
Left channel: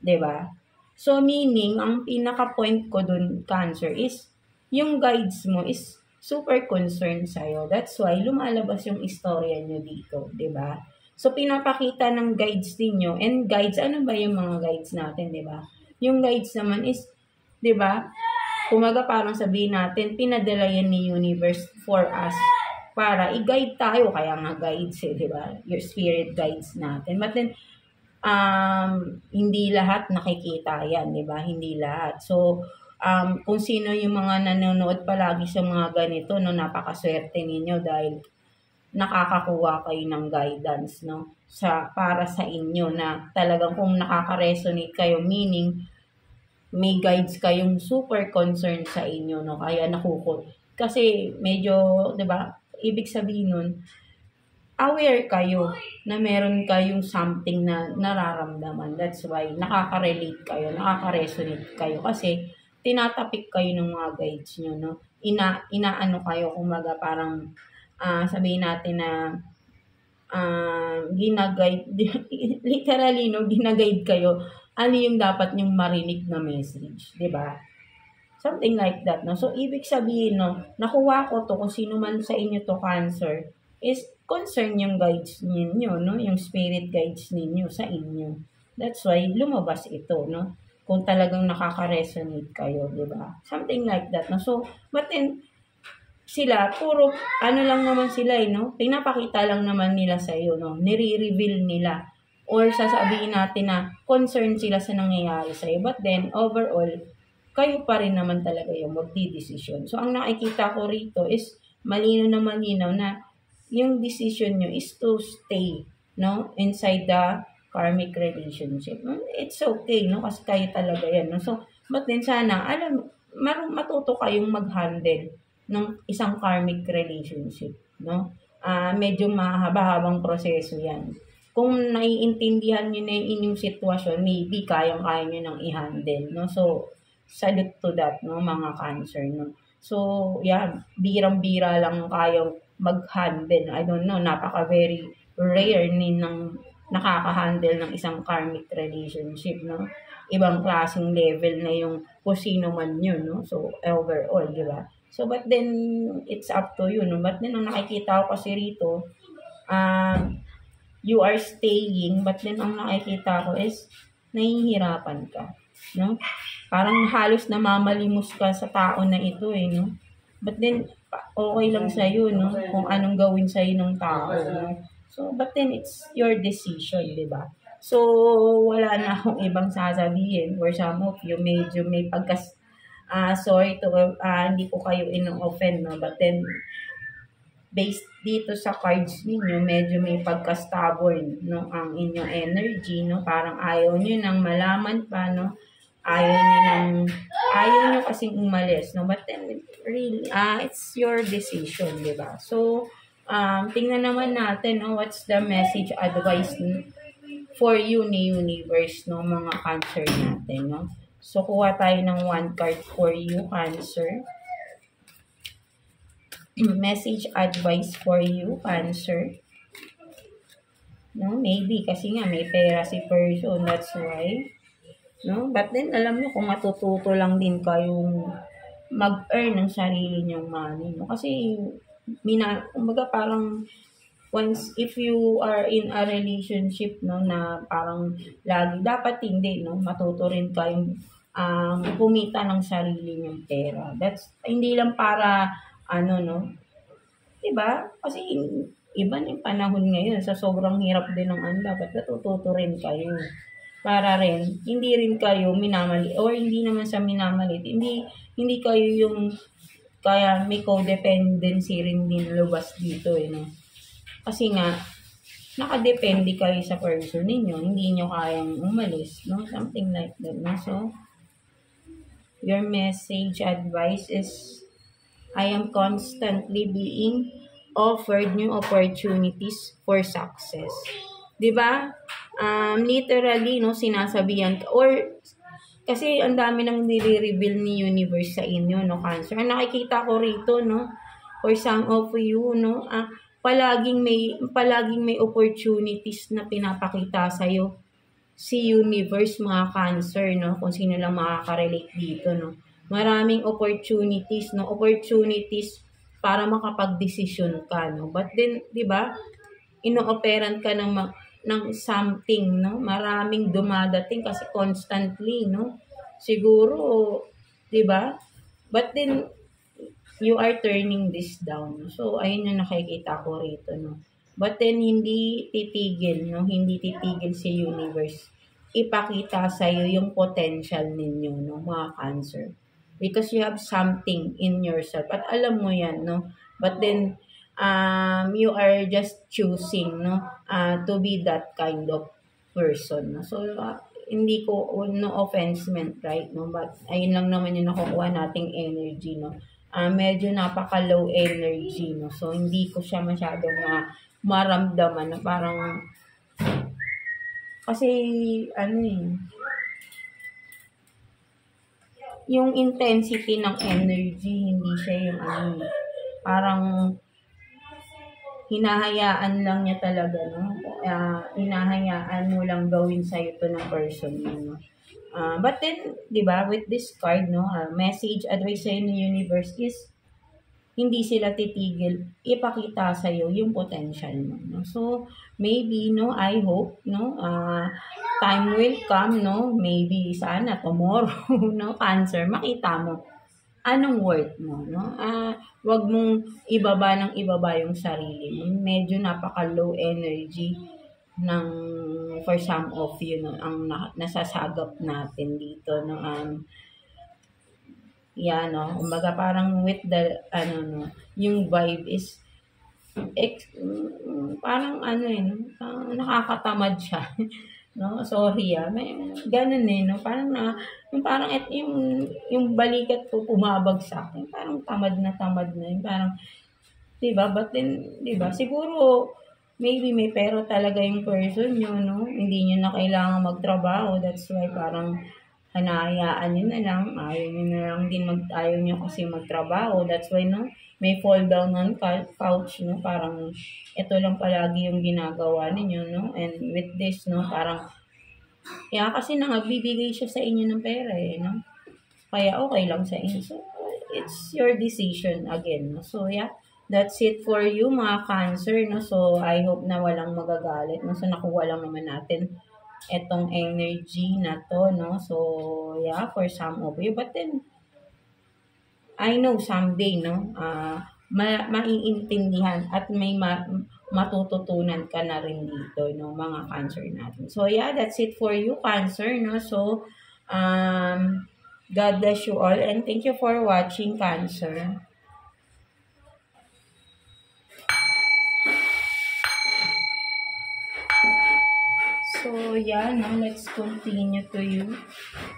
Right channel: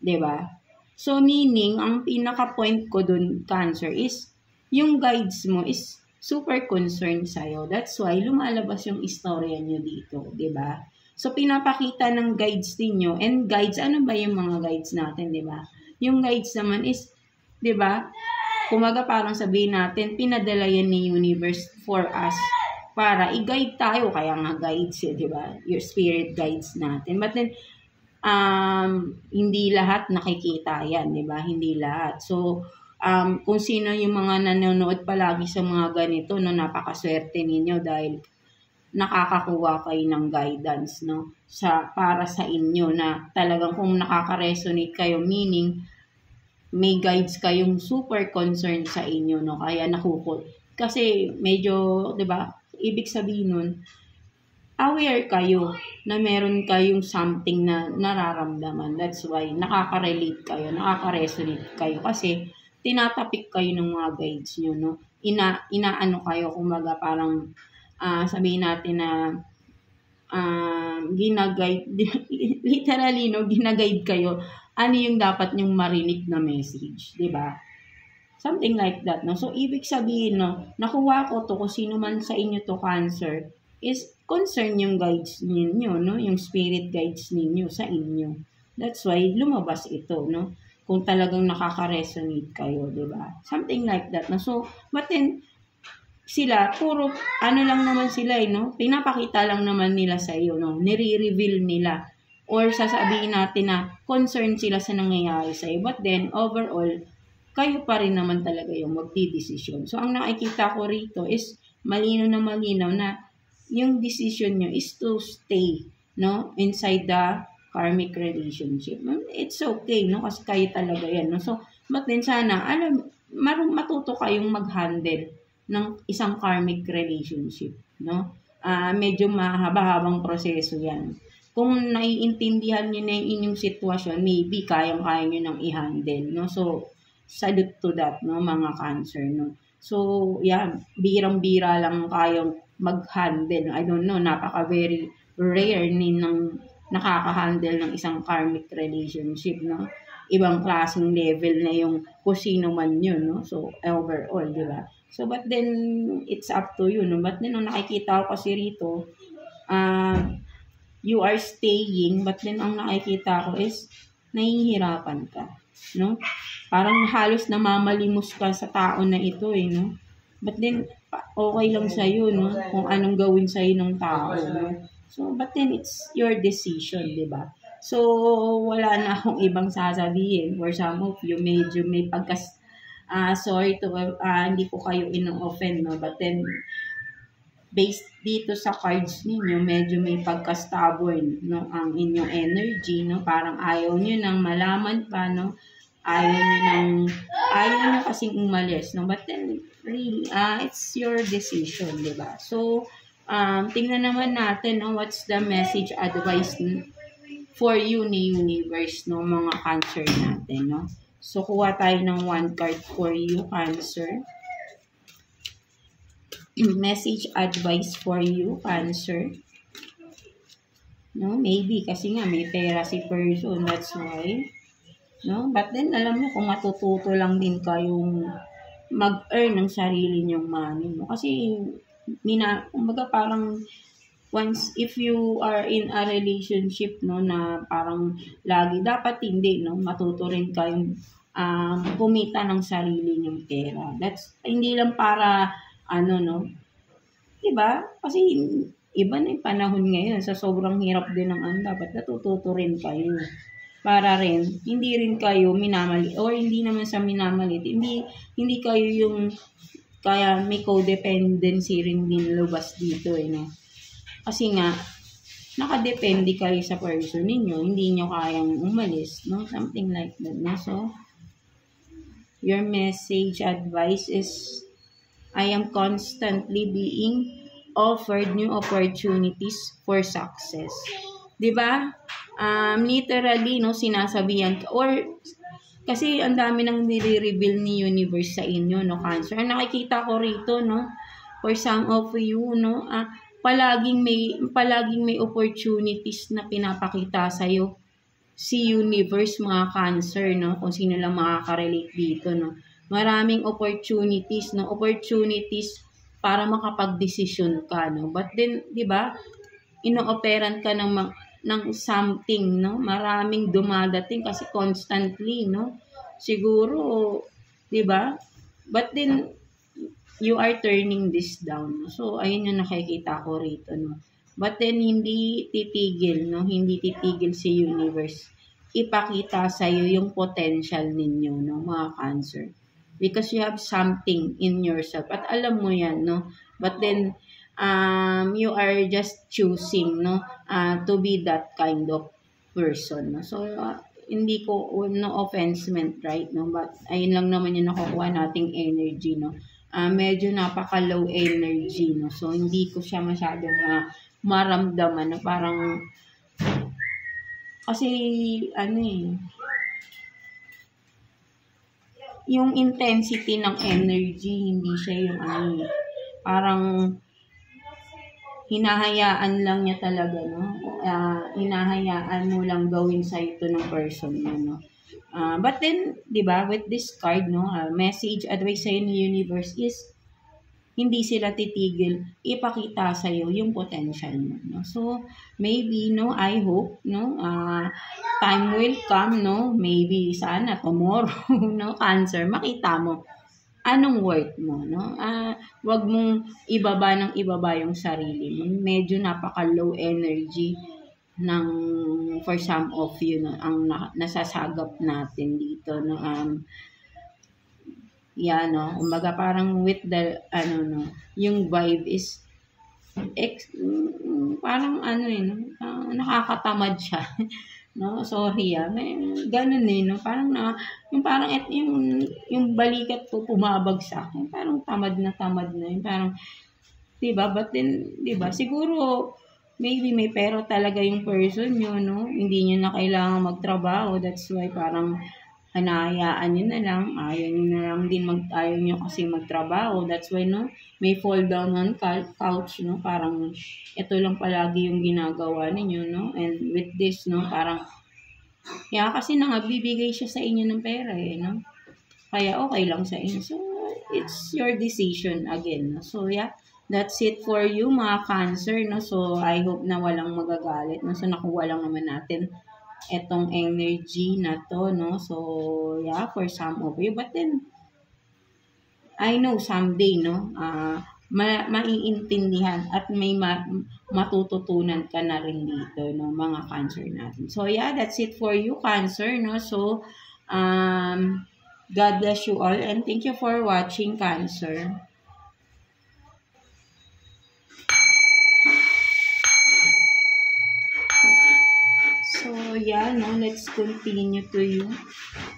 'Di ba? So meaning ang pinaka-point ko dun Cancer is yung guides mo is super concerned sa'yo. That's why lumalabas yung istorya nyo dito, 'di ba? So pinapakita ng guides ninyo and guides, ano ba yung mga guides natin, 'di ba? Yung guides naman is 'di ba? Kumaga parang sabihin natin, pinadala yan ni universe for us para i-guide tayo, kaya nga guides, 'di ba? Your spirit guides natin. But then hindi lahat nakikita yan, 'di ba? Hindi lahat. So kung sino yung mga nanonood palagi sa mga ganito no, napakaswerte ninyo dahil nakakakuha kayo ng guidance no para sa inyo na talagang kung nakaka-resonate kayo, meaning may guides kayong super concerned sa inyo no, kaya kasi medyo 'di ba, ibig sabihin nun aware kayo na meron kayong something na nararamdaman. That's why nakaka-relate kayo, nakaka-resonate kayo kasi tinatapik kayo ng mga guides nyo, no? Inaano kayo, kumaga parang sabihin natin na ginaguide, literally, no, ginaguide kayo, ano yung dapat nyong marinig na message, di ba? Something like that, no? So, ibig sabihin, no, nakuha ko to, kung sino man sa inyo to Cancer, is concern yung guides ninyo, no? Yung spirit guides ninyo sa inyo. That's why lumabas ito, no? Kung talagang nakaka-resonate kayo, di ba? Something like that, no? So, but then, sila, puro, ano lang naman sila, no? Pinapakita lang naman nila sa iyo, no? Nire-reveal nila. Or sasabihin natin na concerned sila sa nangyayari sa iyo. But then, overall, kayo pa rin naman talaga yung magdidesisyon. So, ang nakikita ko rito is malinaw na yung decision nyo is to stay, no? Inside the karmic relationship. It's okay, no? Kasi kayo talaga yan, no? So, but then sana, matuto kayong mag-handle ng isang karmic relationship, no? Medyo mahaba-habang proseso yan. Kung naiintindihan niyo na yung inyong sitwasyon, maybe kayang-kaya niyo nang i-handle, no? So, salute to that, no, mga Cancer, no? So, yeah, birang-bira lang kayong mag-handle. I don't know, very rare ng nakaka-handle ng isang karmic relationship, no? Ibang klaseng level na yung kung sino man yun, no? So, overall, di ba? So, but then, it's up to you, no? But then, ang nakikita ko kasi rito, you are staying, but then, ang nakikita ko is, nahihirapan ka, no? Parang halos namamalimos ka sa tao na ito, no? But then, okay lang sa'yo, no? Kung anong gawin sa'yo ng tao, no? So, but then, it's your decision, di ba? So, wala na akong ibang sasabihin. For some of you, medyo may sorry to, hindi ko kayo ino-offend, no? But then, based dito sa cards ninyo, medyo may pagka-stubborn, no? Ang inyong energy, no? Parang ayaw nyo nang malaman pa, no? Ayaw nyo kasing umalis, no? But then, really, it's your decision, di ba? So, tingnan naman natin, no? What's the message advice for you ni universe, no? Mga Cancer natin, no? So, kuha tayo ng one card for you, Cancer. Message advice for you, Cancer. No, maybe kasi nga may pera si person, that's why. No, but then alam mo kung matututo lang din kayong mag-earn ng sarili niyong money mo. Kasi kumbaga parang once if you are in a relationship, no, na parang lagi dapat hindi, no, matuto rin kayong kumita ng sarili niyong pera. That's hindi lang para no, 'di ba? Kasi iba na yung panahon ngayon, sa sobrang hirap din ng dapat natututo rin kayo. Para rin hindi rin kayo minamali or hindi naman sa minamalit. Hindi kayo yung kaya may codependency rin din lubas dito, no? Kasi nga nakadepende kayo sa person ninyo, hindi nyo kayang umalis, no? Something like that, no? So, your message advice is, I am constantly being offered new opportunities for success. 'Di ba? Literally, no, sinasabihan ka, or kasi ang dami nang nire-reveal ni universe sa inyo, no, Cancer. Ang nakikita ko rito, no, for some of you, no, palaging may opportunities na pinapakita sa iyo si universe, mga Cancer, no, kung sino lang makaka-relate dito, no. Maraming opportunities, no, opportunities para makapag-desisyon ka, no. But then, 'di ba, ino-operan ka ng something, no? Maraming dumadating kasi constantly, no? Siguro, 'di ba? But then you are turning this down. So, ayun yung nakikita ko rito, no? But then, hindi titigil, no? Hindi titigil si universe. Ipakita sa'yo yung potential ninyo, no? Mga Cancer. Because you have something in yourself. At alam mo yan, no? But then, you are just choosing, no? To be that kind of person, no? So, hindi ko, no offense meant, right, no? But, ayun lang naman yung nakukuha nating energy, no? Medyo napaka-low energy, no? So, hindi ko siya masyadong maramdaman na parang, kasi, yung intensity ng energy, hindi siya yung parang, hinahayaan lang niya talaga, no? Hinahayaan mo lang gawin sa'yo to ng person mo, no? But then, di ba, with this card, no, message, advice sa'yo ng universe is, hindi sila titigil ipakita sa'yo yung potential mo, no? So, maybe, no, I hope, no, time will come, no, maybe, sana, tomorrow, no, Cancer, makita mo anong worth mo, no? Wag mong ibaba ng ibaba yung sarili mo. Medyo napaka-low energy ng for some of you, no, ang nasasagap natin dito, no. No, kumbaga parang with the, no, yung vibe is, parang no, nakakatamad siya. No, sorry may ganun no, parang yung parang yung balikat ko pumabag sa akin, parang tamad na yung parang, diba, but then, diba, siguro, maybe may pera talaga yung person nyo, no, hindi nyo na kailangan magtrabaho, that's why parang, hanayaan nyo na lang, ayaw nyo na lang din ayaw nyo kasi magtrabaho, that's why, no, may fall down on couch, no, parang, ito lang palagi yung ginagawa ninyo, no, and with this, no, parang, kasi nagbibigay siya sa inyo ng pera, no, kaya okay lang sa inyo, so, it's your decision again, no, so, that's it for you, mga Cancer, no, so, I hope na walang magagalit, no, so, nakuha lang naman natin etong energy na to, no, so, for some of you, but then, I know someday, no, maiintindihan at may matututunan ka na rin dito, no, mga Cancer natin. So, that's it for you, Cancer, no, so, God bless you all and thank you for watching, Cancer. So, no, let's continue to you,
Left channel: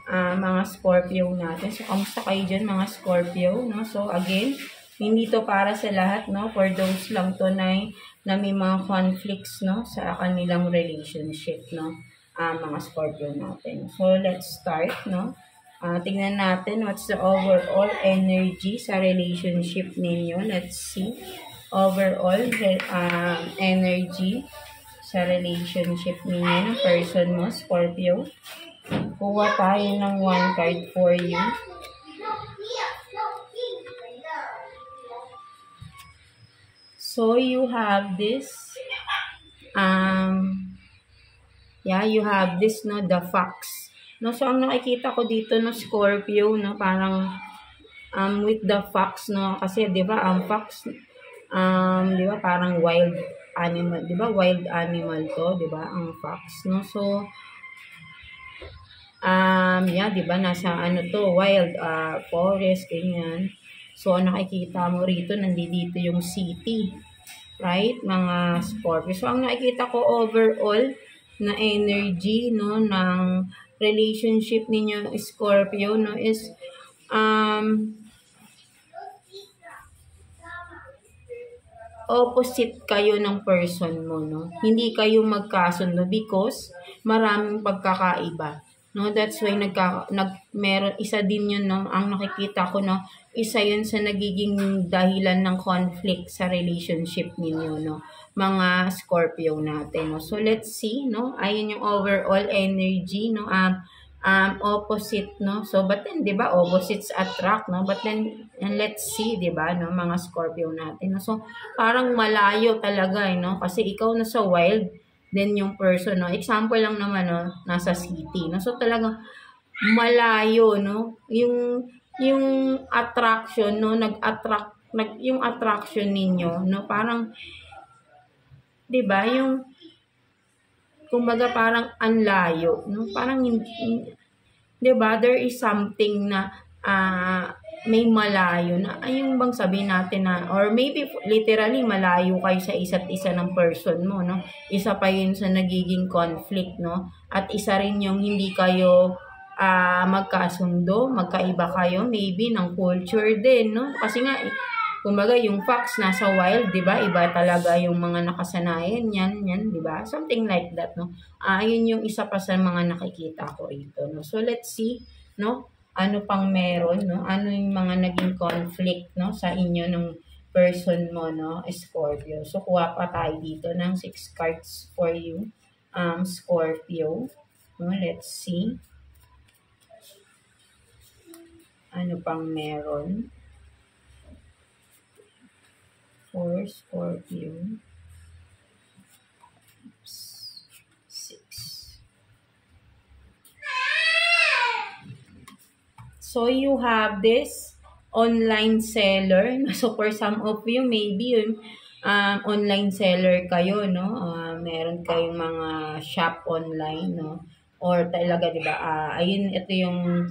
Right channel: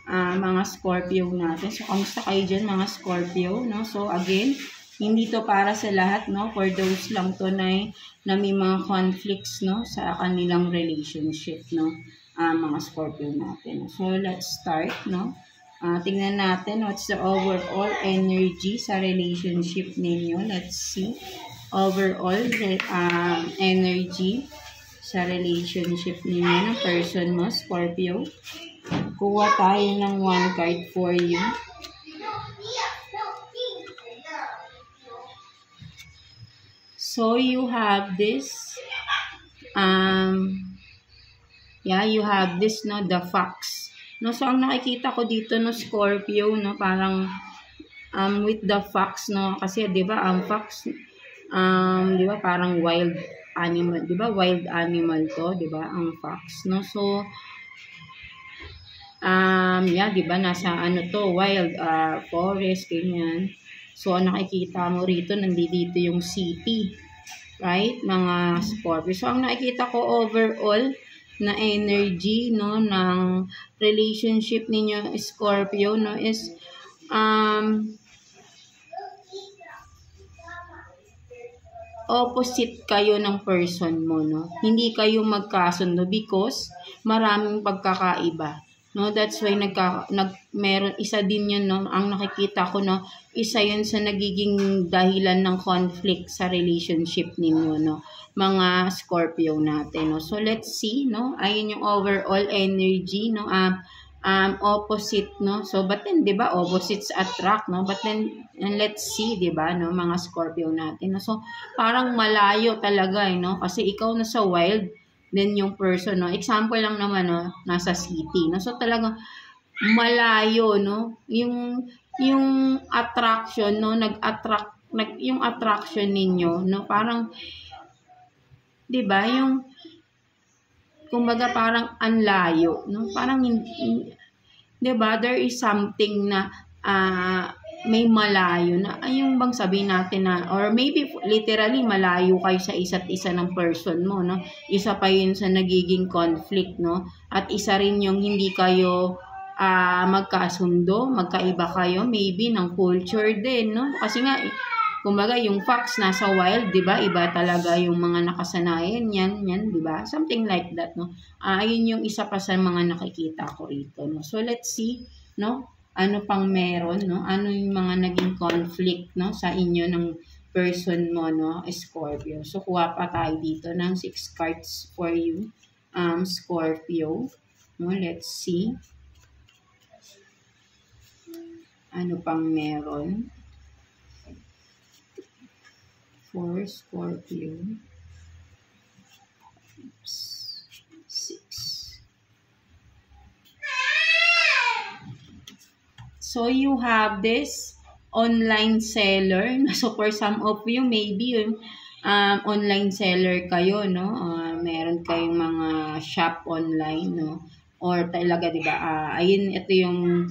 mga Scorpio natin. So, kamusta kayo dyan, mga Scorpio, no? So, again, hindi to para sa lahat, no? For those lang to na may mga conflicts, no? Sa kanilang relationship, no? Mga Scorpio natin. So, let's start, no? Tingnan natin what's the overall energy sa relationship ninyo. Let's see. Overall energy sa relationship ninyo ng person mo, Scorpio. Kuha tayo ng one card for you. So, you have this, you have this, no, the fox. No, so, ang nakikita ko dito, no, Scorpio, no, parang, with the fox, no, kasi, di ba, ang fox, di ba, parang wild animal, di ba, wild animal to, di ba, ang fox, no, so, di ba, nasa, to, wild, forest, ganyan, so, nakikita mo rito, nandito yung city, right, mga Scorpio, so, ang nakikita ko overall, na energy, no, ng relationship ninyo, Scorpio, no, is, opposite kayo ng person mo, no? Hindi kayo magkasundo because maraming pagkakaiba, no? That's why meron isa din yun, no? Ang nakikita ko, no? Isa yun sa nagiging dahilan ng conflict sa relationship ninyo, no? Mga Scorpio natin, no? So, let's see, no? Ayun yung overall energy, no? Opposite, no? So, but then, di ba, opposites attract, no? But then, and let's see, di ba, no? Mga Scorpio natin, no? So, parang malayo talaga, no? Kasi ikaw nasa wild, then yung person, no? Example lang naman, no? Nasa city, no? So, talagang malayo, no? Yung attraction, no? Yung attraction ninyo, no? Parang, di ba, yung, kumbaga parang anlayo, no? Parang, diba, there is something na may malayo na, yung bang sabihin natin na, or maybe literally malayo kayo sa isa't isa ng person mo, no? Isa pa yun sa nagiging conflict, no? At isa rin yung hindi kayo magkasundo, magkaiba kayo, maybe ng culture din, no? Kasi nga, kumbaga yung fox nasa wild, di ba? Iba talaga yung mga nakasanayan yan, di ba? Something like that, no? Ayun yung isa pa sa mga nakikita ko rito, no? So, let's see, no? Ano pang meron, no? Ano yung mga naging conflict, no? Sa inyo ng person mo, no, Scorpio. So, kuha pa tayo dito ng 6 cards for you, Scorpio. No, let's see. Ano pang meron? For Scorpio. 6. So, you have this online seller. So, for some of you, maybe yung online seller kayo, no? Meron kayong mga shop online, no? Or talaga, di ba? Ayun, ito yung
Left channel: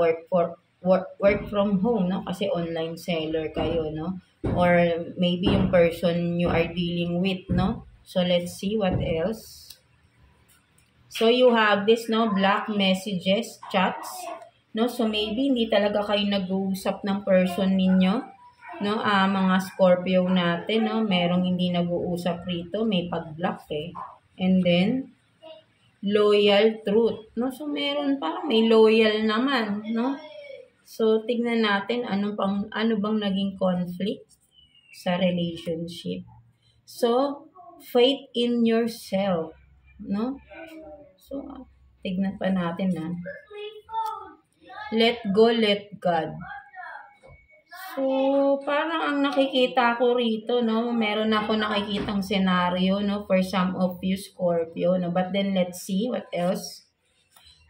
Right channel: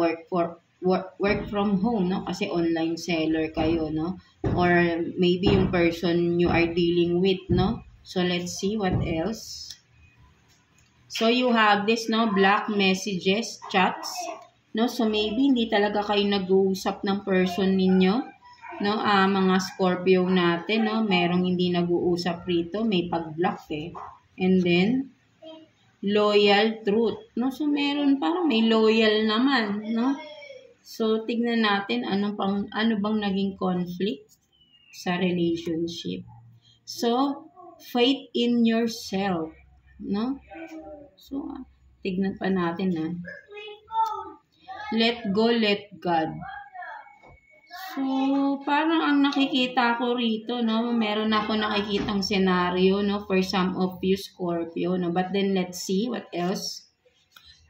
work from home, no? Kasi online seller kayo, no? Or maybe yung person you are dealing with, no? So, let's see what else. So, you have this, no? Black messages, chats, no? So, maybe hindi talaga kayo nag-uusap ng person ninyo, no? Mga Scorpio natin, no? Merong hindi nag-uusap rito, may pag-block eh. And then, loyal truth, no? So, meron parang may loyal naman, no? So, tignan natin ano bang naging conflict sa relationship. So, faith in yourself, no? So, tignan pa natin na. Let go, let God. So, parang ang nakikita ko rito, no? Meron ako nakikitang senaryo, no? For some of you, Scorpio, no? But then, let's see what else.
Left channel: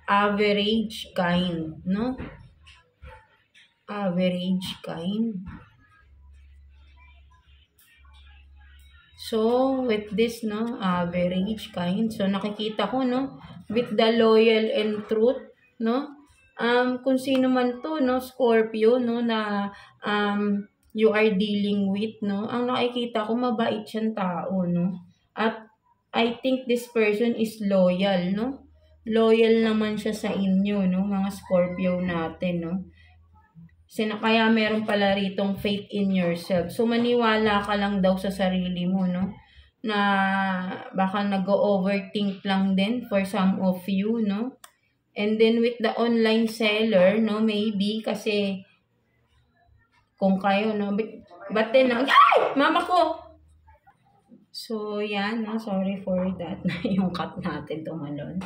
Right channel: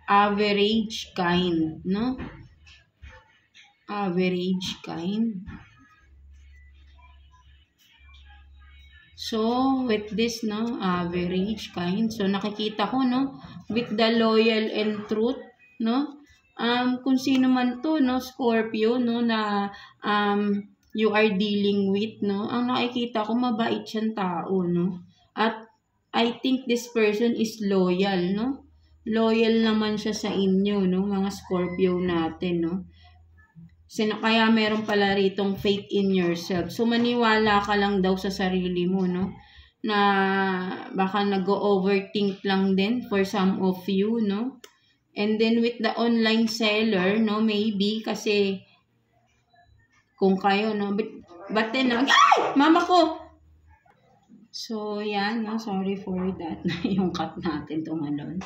Average kind, no? Average kind. So, with this, no? Average kind. So, nakikita ko, no? With the loyal and truth, no? Kung sino man to, no, Scorpio, no, na you are dealing with, no, ang nakikita ko, mabait siyang tao, no, at I think this person is loyal, no, loyal naman siya sa inyo, no, mga Scorpio natin, no, kaya meron pala ritong faith in yourself. So, maniwala ka lang daw sa sarili mo, no, na baka nag-overthink lang din for some of you, no. And then with the online seller, no, maybe kasi kung kayo, no, but then, ay, mama ko! So, yan, no, sorry for that, yung cut natin tumalon.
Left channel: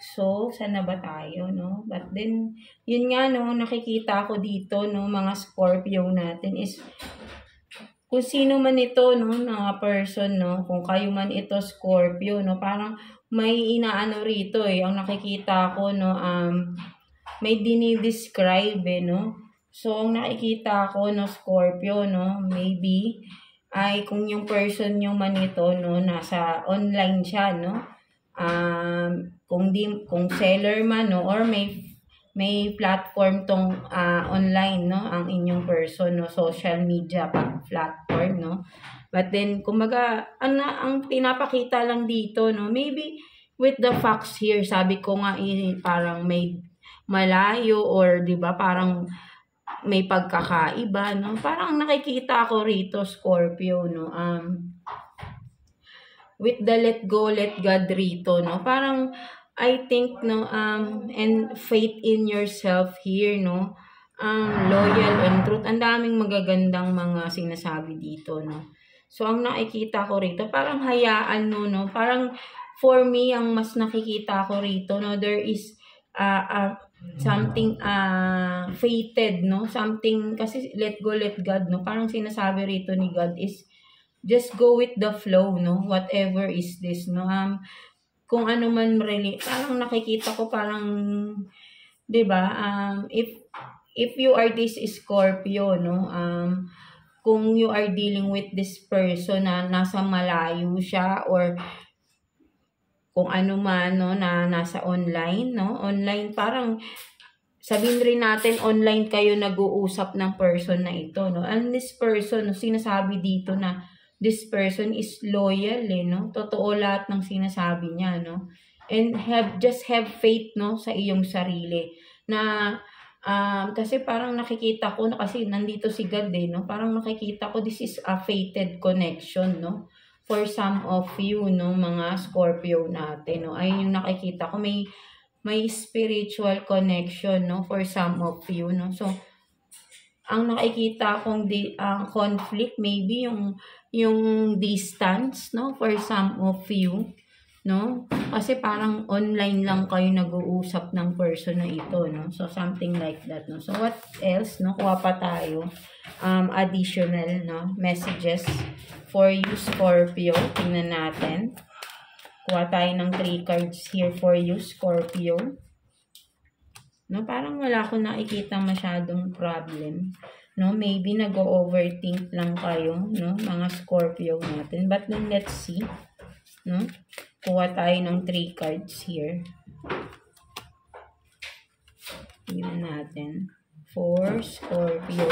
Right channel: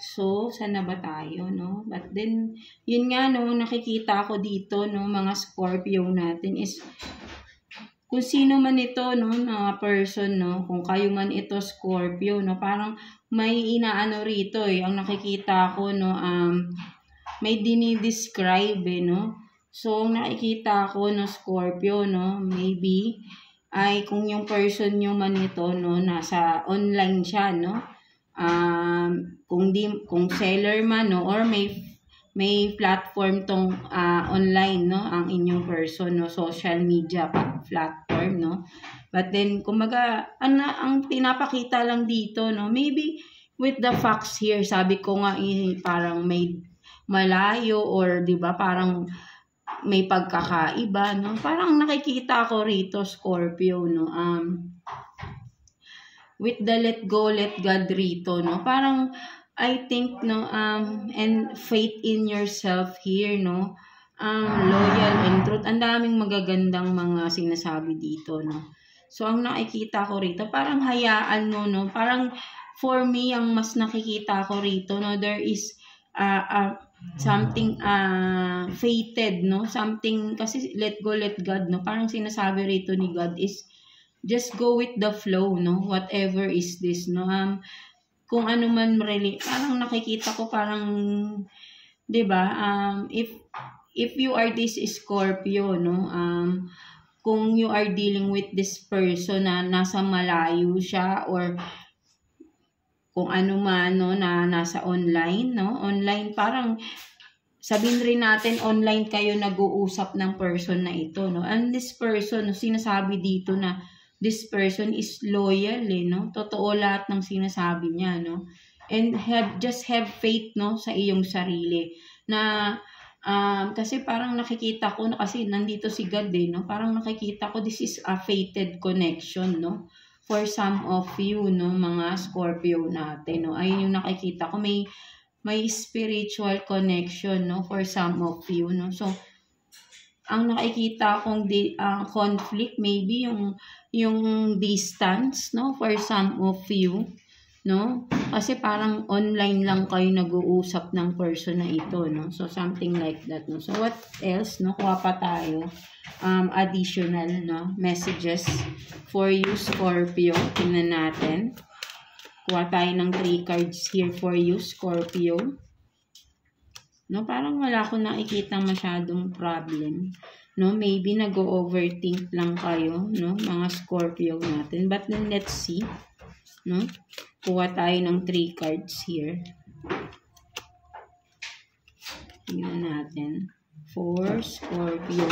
So, sana ba tayo, no? But then, yun nga, no, nakikita ko dito, no, mga Scorpio natin is, kung sino man ito, no, na person, no, kung kayo man ito, Scorpio, no, parang, may inaano rito eh, ang nakikita ko, no, may dinidescribe eh, no. So, ang nakikita ko, no, Scorpio, no, maybe, ay kung yung person nyo man ito, no, nasa online siya, no, kung seller man, no, or may platform tong online, no, ang inyong person, no, social media platform, no. But then, kumbaga, ang pinapakita lang dito, no, maybe with the facts here, sabi ko nga, parang may malayo or, di ba, parang may pagkakaiba, no. Parang nakikita ko rito, Scorpio, no, with the let go, let God rito, no, parang, I think, no, and faith in yourself here, no, loyal and truth. Ang daming magagandang mga sinasabi dito, no. So, ang nakikita ko rito, parang hayaan mo, no? Parang, for me, ang mas nakikita ko rito, no? There is something fated, no? Something, kasi let go, let God, no? Parang sinasabi rito ni God is, just go with the flow, no? Whatever is this, no? Kung ano man really, parang nakikita ko parang, di ba? If you are this Scorpio, no? Kung you are dealing with this person na nasa malayo siya or kung ano man, no, na nasa online, no, online, parang sabihin rin natin online kayo nag-uusap ng person na ito, no, and this person, no, sinasabi dito na this person is loyal, eh, no, totoo lahat ng sinasabi niya, no, and just have faith, no, sa iyong sarili, na kasi parang nakikita ko, kasi nandito si God, eh, no? Parang nakikita ko, this is a fated connection, no? For some of you, no, mga Scorpio natin, no? Ay yung nakikita ko, may spiritual connection, no? For some of you, no? So, ang nakikita kong conflict, maybe yung distance, no? For some of you, no? Kasi parang online lang kayo nag-uusap ng person na ito, no? So, something like that, no? So, what else, no? Kuha pa tayo. Additional, no? Messages for you, Scorpio. Tingnan natin. Kuha tayo ng 3 cards here for you, Scorpio. No, parang wala akong nakikita masyadong problem. No, maybe nag-overthink lang kayo, no, mga Scorpio natin. But then, let's see. No, kuha tayo ng 3 cards here. Tingnan natin. For Scorpio.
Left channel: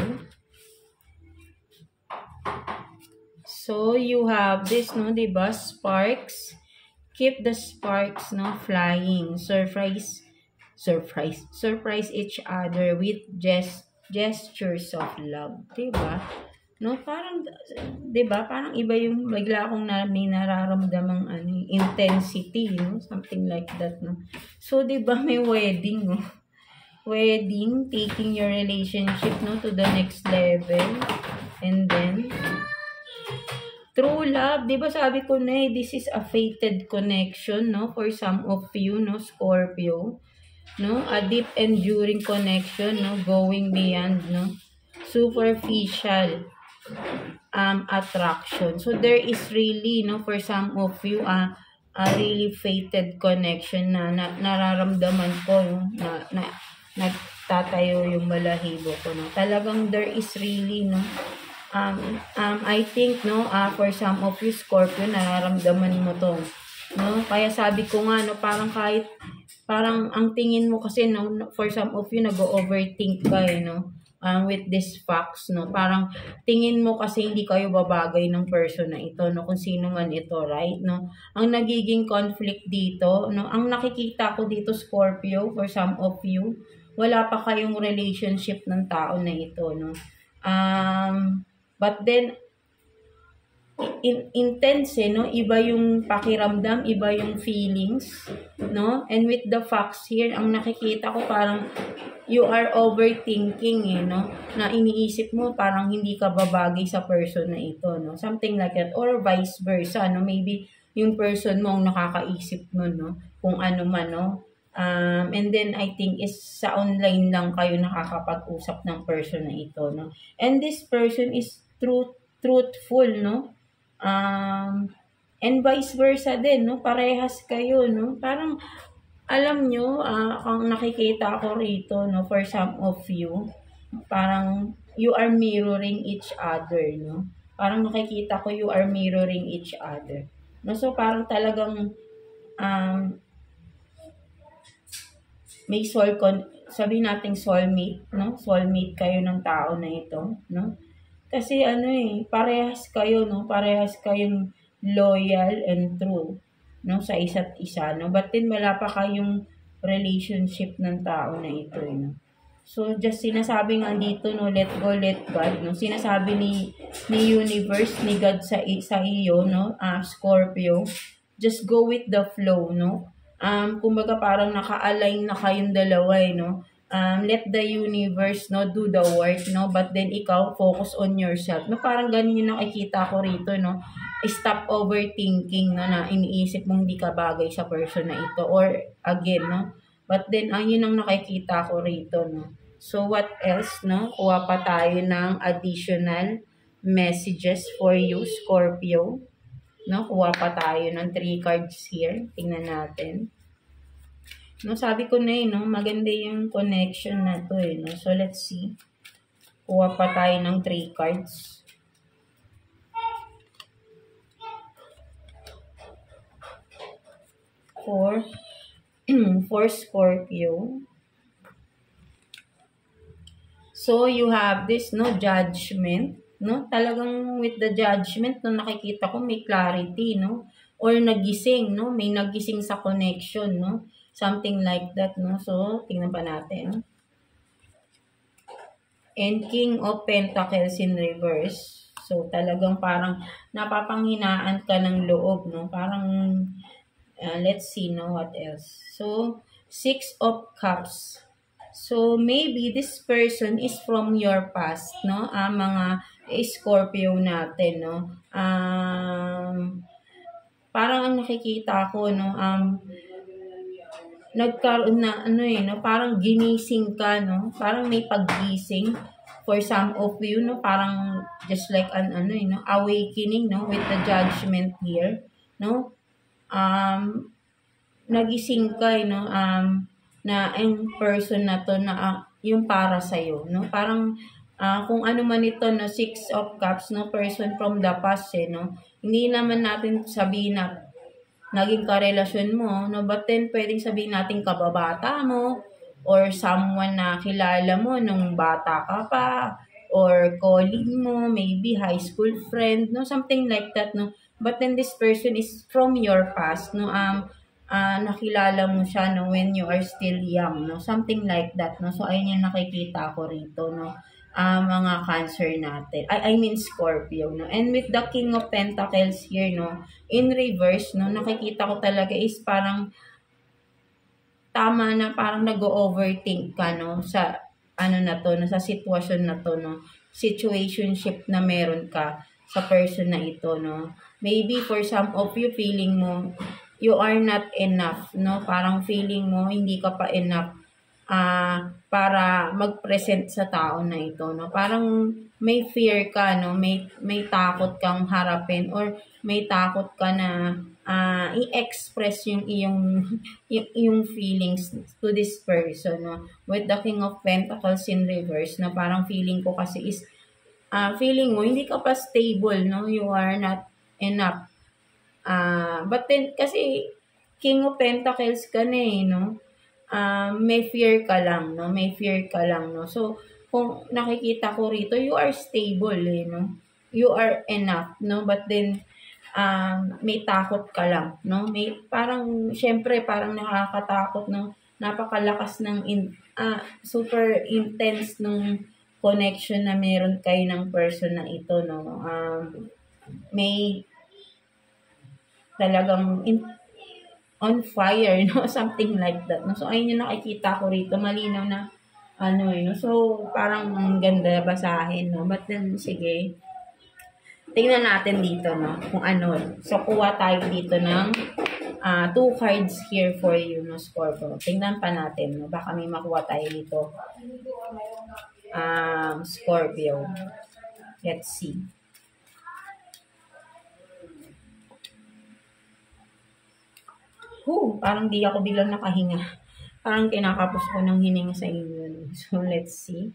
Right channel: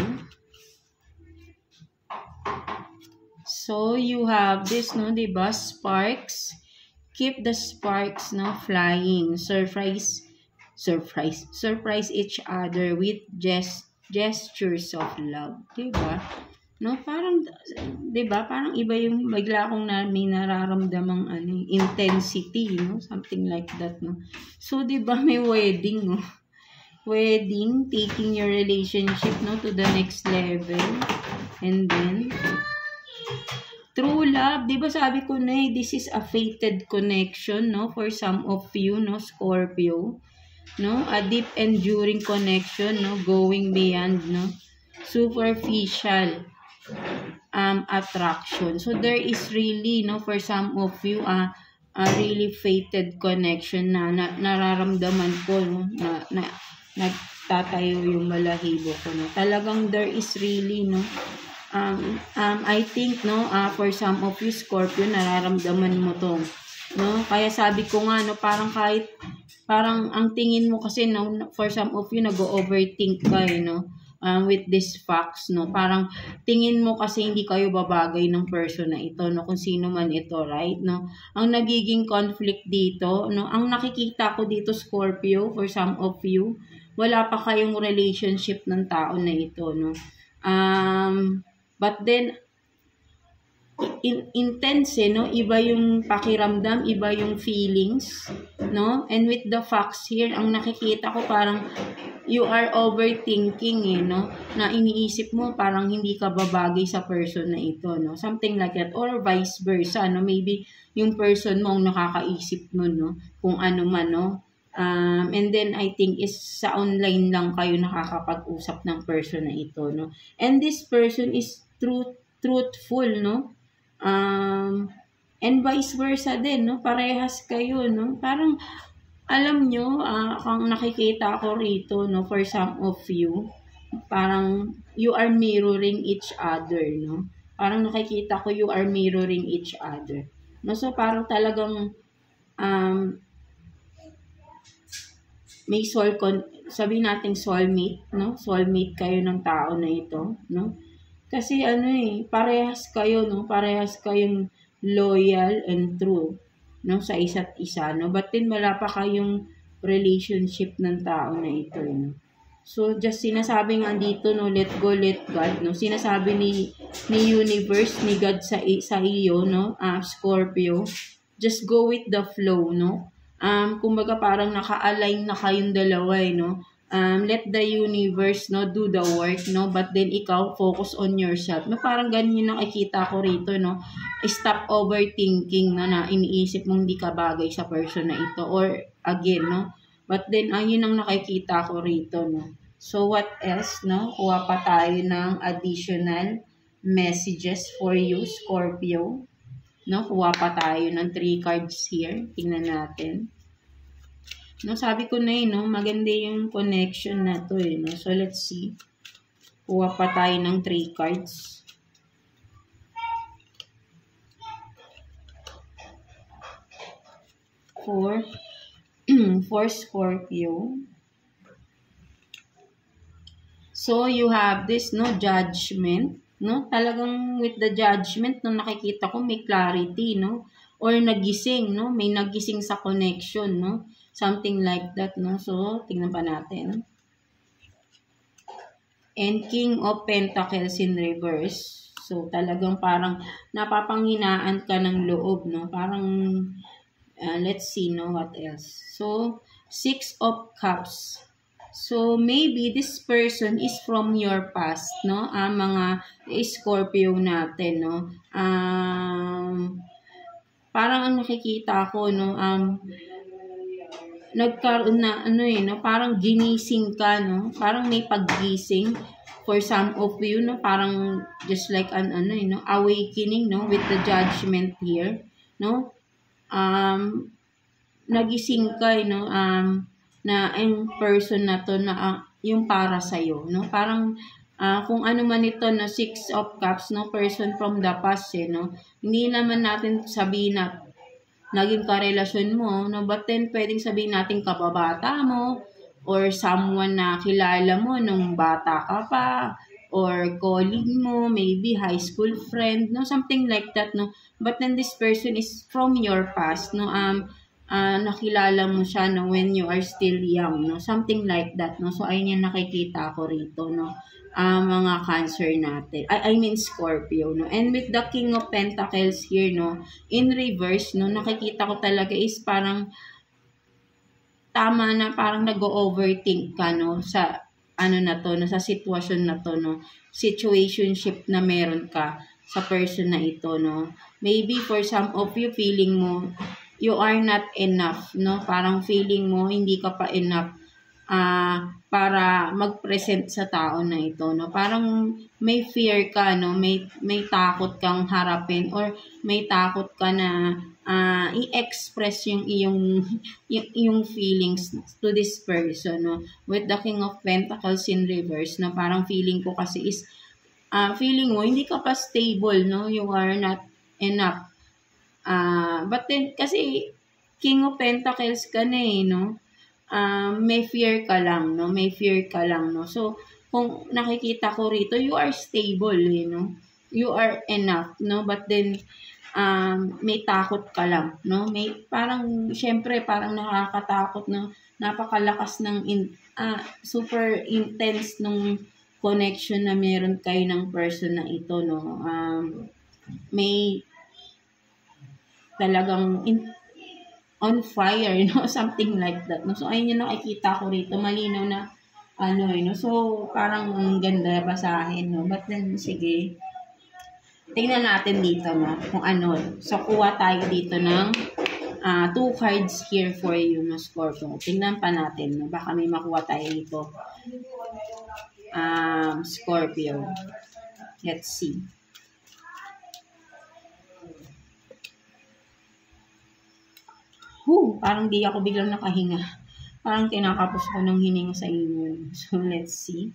So, you have this, no, diba? Sparks. Keep the sparks, no, flying. Surprise each other with gestures of love. Diba? No, parang, diba? Parang iba yung bigla akong may nararamdamang intensity, no? Something like that, no? So, diba, may wedding, no? Wedding, taking your relationship, no, to the next level. And then, true love, di ba sabi ko na this is a fated connection, no? For some of you, no, Scorpio, no? A deep enduring connection, no? Going beyond, no? Superficial attraction. So, there is really, no, for some of you, a really fated connection na nararamdaman ko, no? Na nagtatayo yung balahibo ko, no? Talagang there is really, no? I think, no, for some of you, Scorpio, nararamdaman mo to, no? Kaya sabi ko nga, no, parang ang tingin mo kasi, no, for some of you, nag-overthink ka, no? With these facts, no? Parang tingin mo kasi hindi kayo babagay ng person na ito, no? Kung sino man ito, right? No? Ang nagiging conflict dito, no? Ang nakikita ko dito, Scorpio, for some of you, wala pa kayong relationship ng tao na ito, no? But then, intense, no? Iba yung pakiramdam, iba yung feelings, no? And with the facts here, ang nakikita ko parang you are overthinking, no? Na iniisip mo parang hindi ka babagay sa person na ito, no? Something like that. Or vice versa, no? Maybe yung person mo ang nakakaisip mo, no? Kung ano man, no? And then I think is sa online lang kayo nakakapag-usap ng person na ito, no? And this person is truthful, no? And vice versa din, no? Parehas kayo, no? Parang alam nyo, kung nakikita ko rito, no, for some of you, parang you are mirroring each other, no? Parang nakikita ko you are mirroring each other. No? So parang talagang may sabi nating soulmate, no? Soulmate kayo ng tao na ito, no? Kasi parehas kayo, no? Parehas kayong loyal and true, no? Sa isa't isa, no? But then wala pa kayong relationship ng tao na ito, no? So just sinasabi nga dito, no, let go, let God, no? Sinasabi ni universe, ni God sa iyo, no? Scorpio, just go with the flow, no? Kumbaga parang naka-align na kayong dalawa, no? Let the universe, no, do the work, no? But then ikaw focus on yourself, no? Parang ganun yung nakikita ko rito, no? Stop overthinking, no, na iniisip mong hindi ka bagay sa person na ito, or again, no? But then yun ang nakikita ko rito, no? So what else, no? Kuha pa tayo ng additional messages for you, Scorpio, no? Kuha pa tayo ng 3 cards here. Tingnan natin. No, sabi ko na no, maganda yung connection na to, no. So, let's see. Kuha pa tayo ng 3 cards. For Scorpio. So, you have this, no, judgment, no. Talagang with the judgment, no, nakikita ko may clarity, no. Or nagising, no. May nagising sa connection, no. Something like that, no? So, tingnan pa natin. And King of Pentacles in reverse. So, talagang parang napapanghinaan ka ng loob, no? Parang, let's see, no? What else? So, 6 of Cups. So, maybe this person is from your past, no? Mga Scorpio natin, no? Parang ang nakikita ko, no? Nagkaroon na, no? Parang ginising ka, no? Parang may paggising for some of you, no? Parang just like an, no? Awakening, no? With the judgment here, no? Nagising ka, no? Na ang person na to na yung para sa'yo, no? Parang kung ano man ito, no? Six of Cups, no? Person from the past, no? Hindi naman natin sabihin na naging karelasyon mo, no? But then, pwedeng sabihin natin kababata mo, or someone na kilala mo nung bata ka pa, or colleague mo, maybe high school friend, no? Something like that, no? But then, this person is from your past, no? Nakilala mo siya, no? When you are still young, no? Something like that, no? So, ayun yung nakikita ko rito, no? Mga Cancer natin. I mean Scorpio, no? And with the King of Pentacles here, no? In reverse, no? Nakikita ko talaga is parang tama na parang nag-overthink ka, no? Sa ano na to, no? Sa sitwasyon na to, no? Situationship na meron ka sa person na ito, no? Maybe for some of you, feeling mo, you are not enough, no? Parang feeling mo, hindi ka pa enough para mag-present sa tao na ito, no? Parang may fear ka, no? May takot kang harapin, or may takot ka na i-express yung yung feelings to this person, no? With the King of Pentacles in reverse, na parang feeling ko kasi is feeling mo hindi ka pa stable, no? You are not enough. But then kasi King of Pentacles ka na, no? May fear ka lang, no? May fear ka lang, no? So, kung nakikita ko rito, you are stable, no? You are enough, no? But then, may takot ka lang, no? May, parang, syempre, parang nakakatakot, no? Napakalakas ng, super intense nung connection na meron kayo ng person na ito, no? May talagang on fire, no? Something like that, no? So, ayun yung nakikita ko rito. Malinaw na, no? So, parang ang ganda basahin, no? But then, sige. Tingnan natin dito, no? Kung ano. So, kuha tayo dito ng 2 cards here for you, no, Scorpio. Tingnan pa natin, no? Baka may makuha tayo dito. Scorpio. Let's see. Parang di ako biglang nakahinga. Parang kinakapos ko ng hininga sa inyo. So, let's see.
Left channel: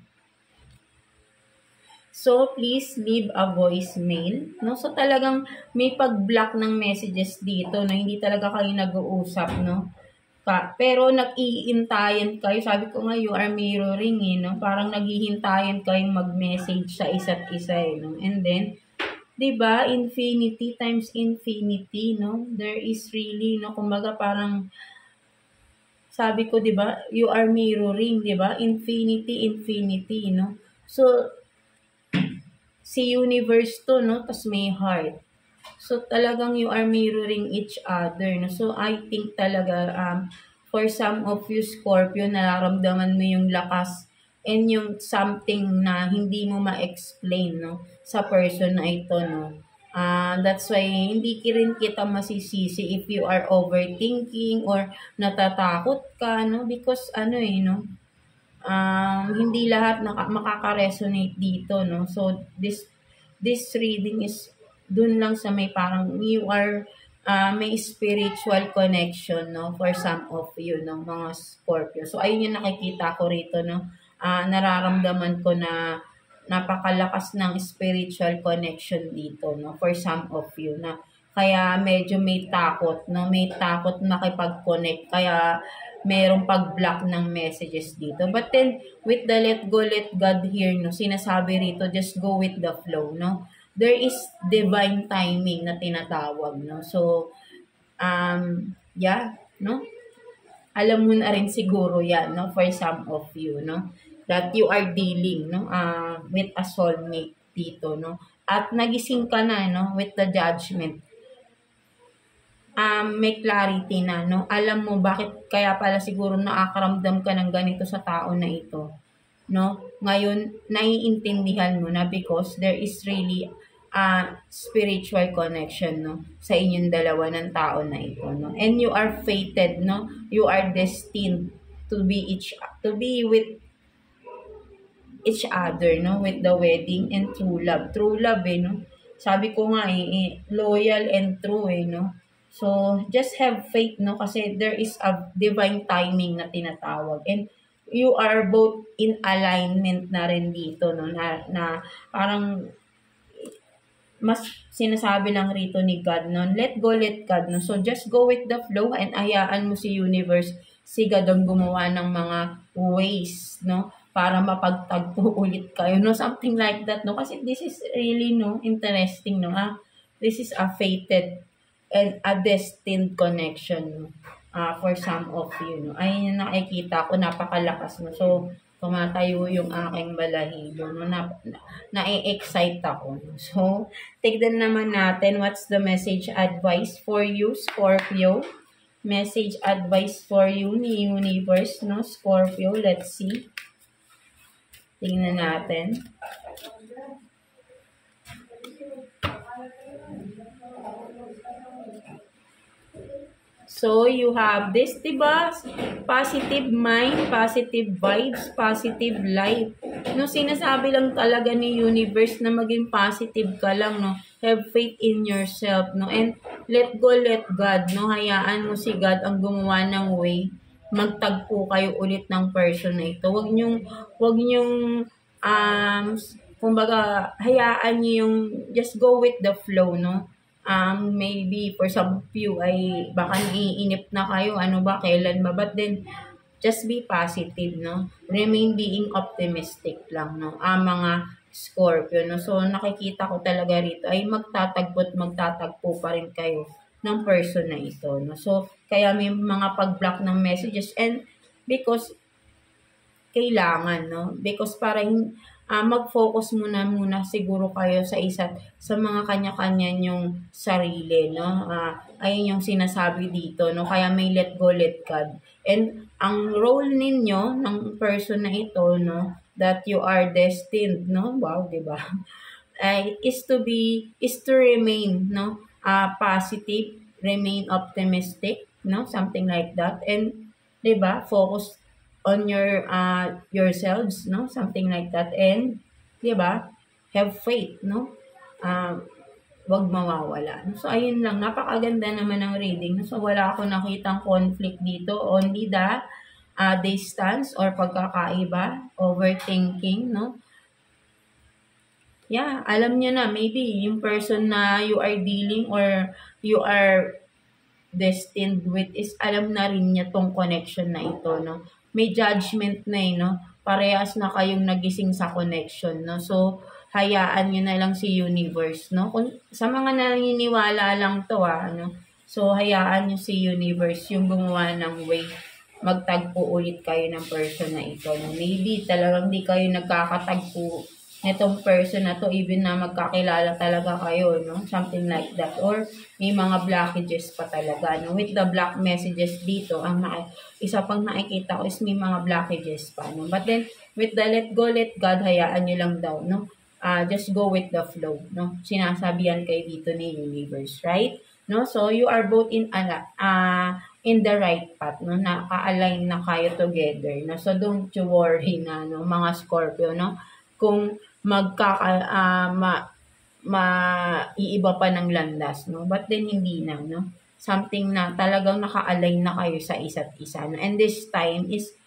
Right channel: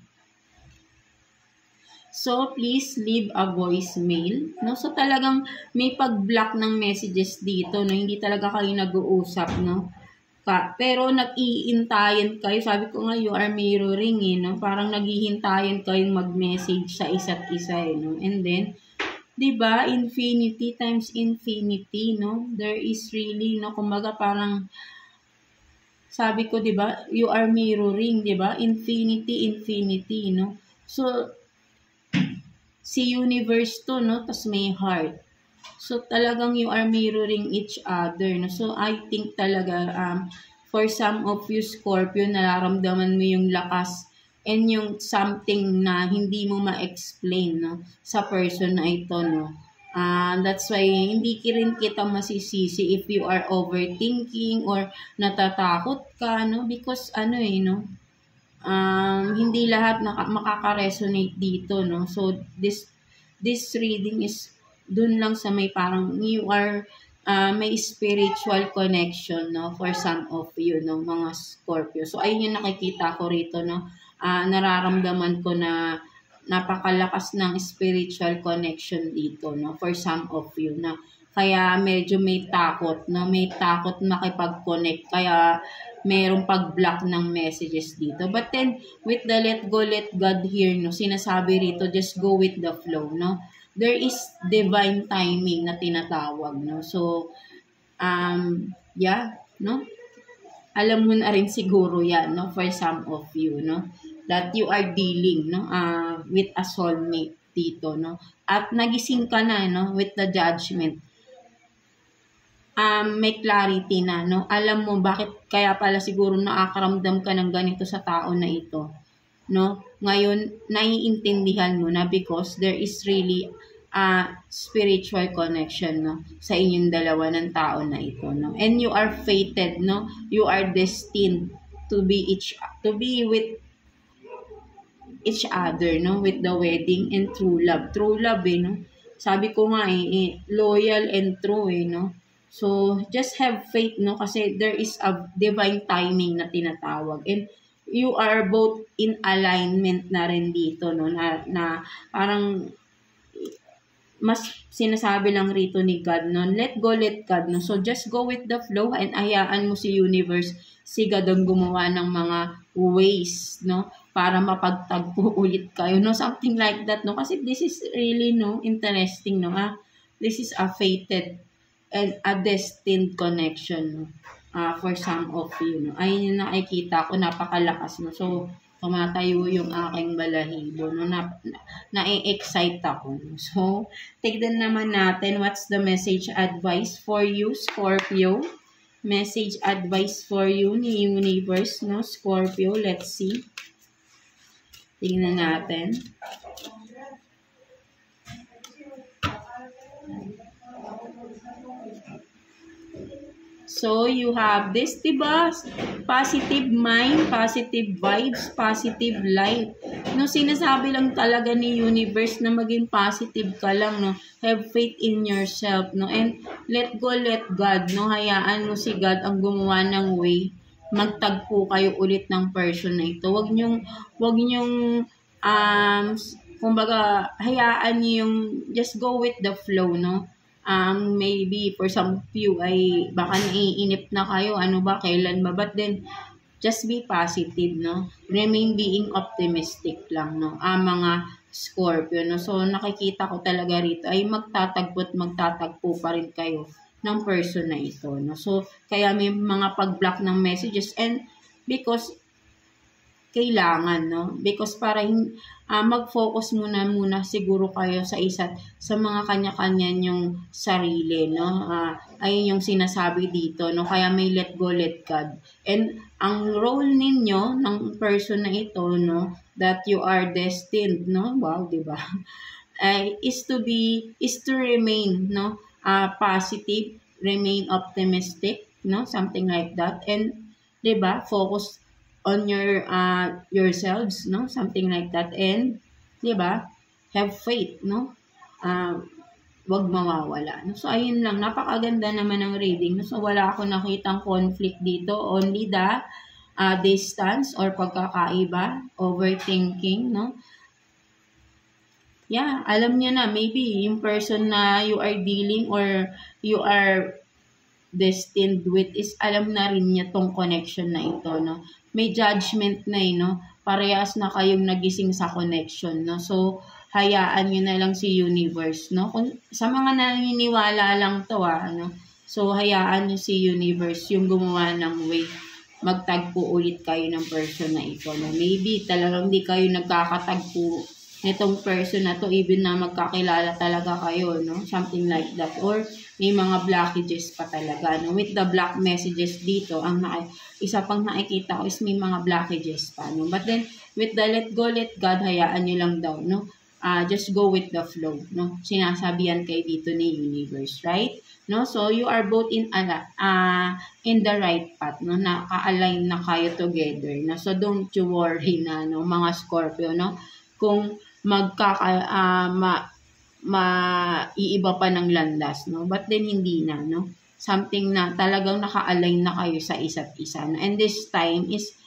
So, please leave a voicemail. No? So, talagang may pag-block ng messages dito, no? Hindi talaga kayo nag-uusap, no? Pero nag-iintayan kayo. Sabi ko nga, you are mirroring, no? Parang naghihintayan kayong mag-message sa isa't isa, no? And then, diba, infinity times infinity, no? There is really, no? Kumbaga parang, sabi ko, diba, you are mirroring, diba? Infinity, infinity, no? So, si universe to, no? Tas may heart. So, talagang you are mirroring each other, no? So, I think talaga, for some of you, Scorpio, nararamdaman mo yung lakas and yung something na hindi mo ma-explain, no, sa person na ito, no. That's why hindi rin kita masisisi if you are overthinking or natatakot ka, no, because no, hindi lahat makaka-resonate dito, no. So this reading is dun lang sa may parang you are may spiritual connection, no, for some of you, no, mga Scorpio. So ayun yung nakikita ko rito, no. Nararamdaman ko na napakalakas ng spiritual connection dito, no, for some of you, na kaya medyo may takot, no, may takot makipag-connect, kaya merong pag-block ng messages dito. But then, with the let go, let God here, no, sinasabi rito, just go with the flow, no. There is divine timing na tinatawag, no. So, yeah, no. Alam mo na rin siguro yan, no, for some of you, no, that you are dealing, no, with a soulmate dito, no. At nagising ka na, no, with the judgment. may clarity na, no? Alam mo bakit kaya pala siguro nakakaramdam ka ng ganito sa tao na ito, no? Ngayon, naiintindihan mo na because there is really a spiritual connection, no? Sa inyong dalawa ng tao na ito, no? And you are fated, no? You are destined to be with each other, no? With the wedding and true love. True love, no? Sabi ko nga, loyal and true, no? So, just have faith, no? Kasi there is a divine timing na tinatawag. And you are both in alignment na rin dito, no? Na parang mas sinasabi lang rito ni God, no? Let go, let God, no? So, just go with the flow and hayaan mo si universe, si God ang gumawa ng mga ways, no? Para mapagtagpo ulit kayo, no? Something like that, no? Kasi this is really, no? Interesting, no? This is a fated and a destined connection, no? For some of you, no? Ayun yung nakikita ko, napakalakas, no? So, tumatayo yung aking balahibo, no? Na-excite ako, no? So, tignan naman natin what's the message advice for you, Scorpio. Message advice for you ni Universe, no? Scorpio, let's see. Tingnan natin. So, you have this, diba? Positive mind, positive vibes, positive life. No, sinasabi lang talaga ni universe na maging positive ka lang, no? Have faith in yourself, no? And let go, let God, no? Hayaan mo si God ang gumawa ng way. Magtagpo kayo ulit ng person na ito. Huwag nyong, kumbaga, hayaan niyo yung, just go with the flow, no? Maybe for some of you ay baka naiinip na kayo, ano ba, kailan ba, but then just be positive, no? Remain being optimistic lang, no? Mga Scorpio, no? So nakikita ko talaga rito ay magtatagpo pa rin kayo ng person na ito, no? So kaya may mga pag-block ng messages and because kailangan, no? Because para mag-focus muna siguro kayo sa mga kanya-kanya nyong sarili, no? Ayun yung sinasabi dito, no? Kaya may let go, let God. And ang role ninyo ng person na ito, no? That you are destined, no? Wow, di ba? Is to remain, no? Positive, remain optimistic, no? Something like that. And, di ba? Focus on yourselves, no? Something like that. And, di ba? Have faith, no? Wag mawawala. No? So, ayun lang. Napakaganda naman ng reading. No? So, wala akong nakitang conflict dito. Only the distance or pagkakaiba, overthinking, no? Yeah, alam niya na, maybe yung person na you are dealing or you are destined with is alam na rin niya tong connection na ito, no? May judgment na no? Parehas na kayong nagising sa connection, no? So, hayaan nyo na lang si universe, no? Kung, sa mga naniniwala lang to, ano? So, hayaan nyo si universe yung gumawa ng way. Magtagpo ulit kayo ng person na ito, no? Maybe talagang di kayo nagkakatagpo nitong person na to, even na magkakilala talaga kayo, no? Something like that. Or, may mga blockages pa talaga, no? With the block messages dito, isa pang nakikita ko is may mga blockages pa, no? But then, with the let go, let God, hayaan nyo lang daw, no? Just go with the flow, no? Sinasabihan kayo dito ni universe, right? No? So, you are both in the right path, no? Naka-align na kayo together, no? So, don't you worry na, no? Mga Scorpio, no? Kung maiiba pa ng landas, no? But then, hindi na, no? Something na talagang naka-align na kayo sa isa't isa, no? And this time is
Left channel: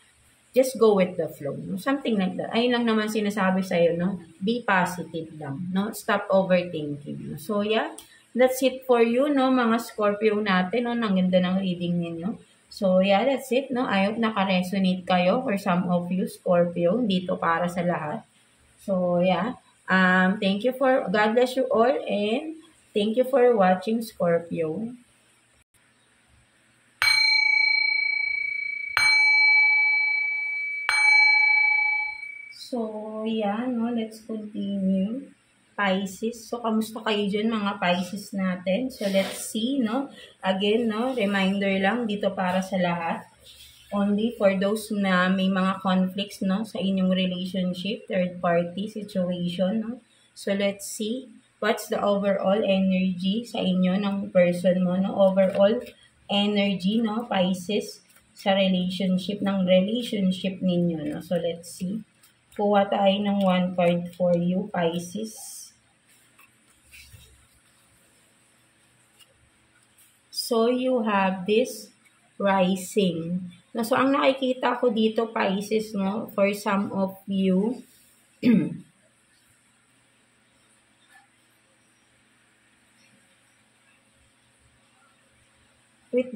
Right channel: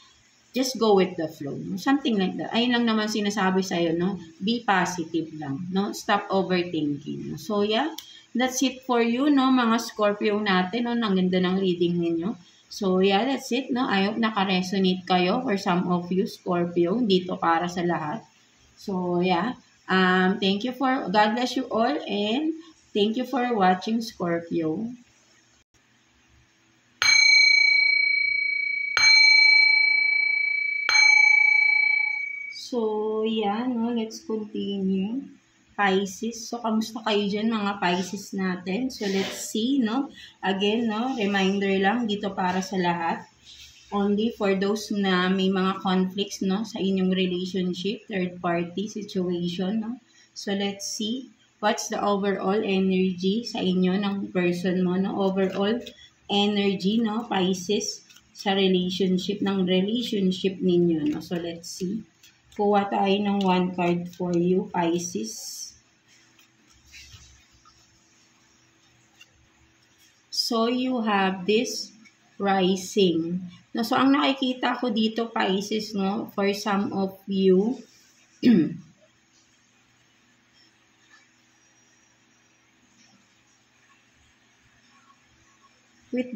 just go with the flow, no? Something like that. Ayun lang naman sinasabi sa'yo, no? Be positive lang, no? Stop overthinking, no? So, yeah, that's it for you, no? Mga Scorpio natin, no? Ang ganda ng reading ninyo. So, yeah, that's it, no? I hope naka-resonate kayo for some of you, Scorpio, dito para sa lahat. So, yeah. Thank you God bless you all, and thank you for watching, Scorpio. So, yeah, no, let's continue. Pisces. So, kamusta kayo dyan mga Pisces natin? So, let's see, no? Again, no? Reminder lang dito para sa lahat. Only for those na may mga conflicts, no? Sa inyong relationship, third party situation, no? So, let's see. What's the overall energy sa inyo ng person mo, no? Overall energy, no? Pisces, sa relationship ninyo, no? So, let's see. Kuha tayo ng one card for you, Pisces. So, you have this rising. No, so, ang nakikita ko dito, Pisces, no, for some of you, with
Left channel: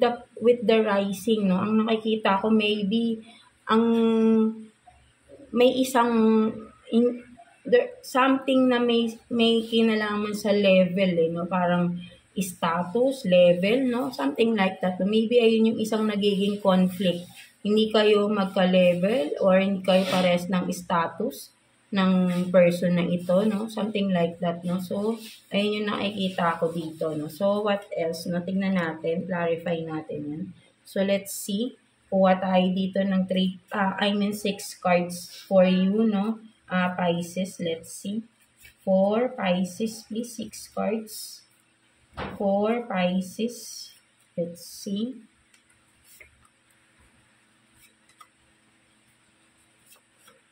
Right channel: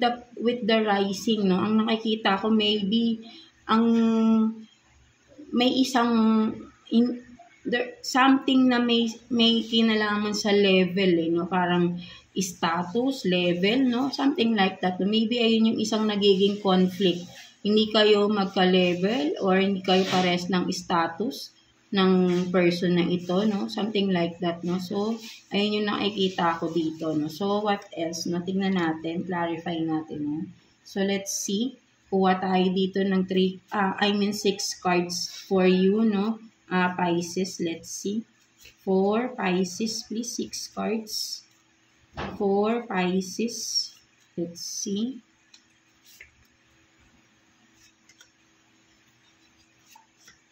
the rising, no, ang nakikita ko, maybe, may isang, something na may kinalaman sa level, no, parang, status, level, no? Something like that. Maybe ayun yung isang nagiging conflict. Hindi kayo magka-level or hindi kayo pares ng status ng person na ito, no? Something like that, no? So, ayun yung nakikita ko dito, no? So, what else? No? Tingnan natin, clarify natin, no? So, let's see. Kuha tayo dito ng 6 cards for you, no? Pisces, let's see. For Pisces, please, 6 cards. For Pisces, let's see.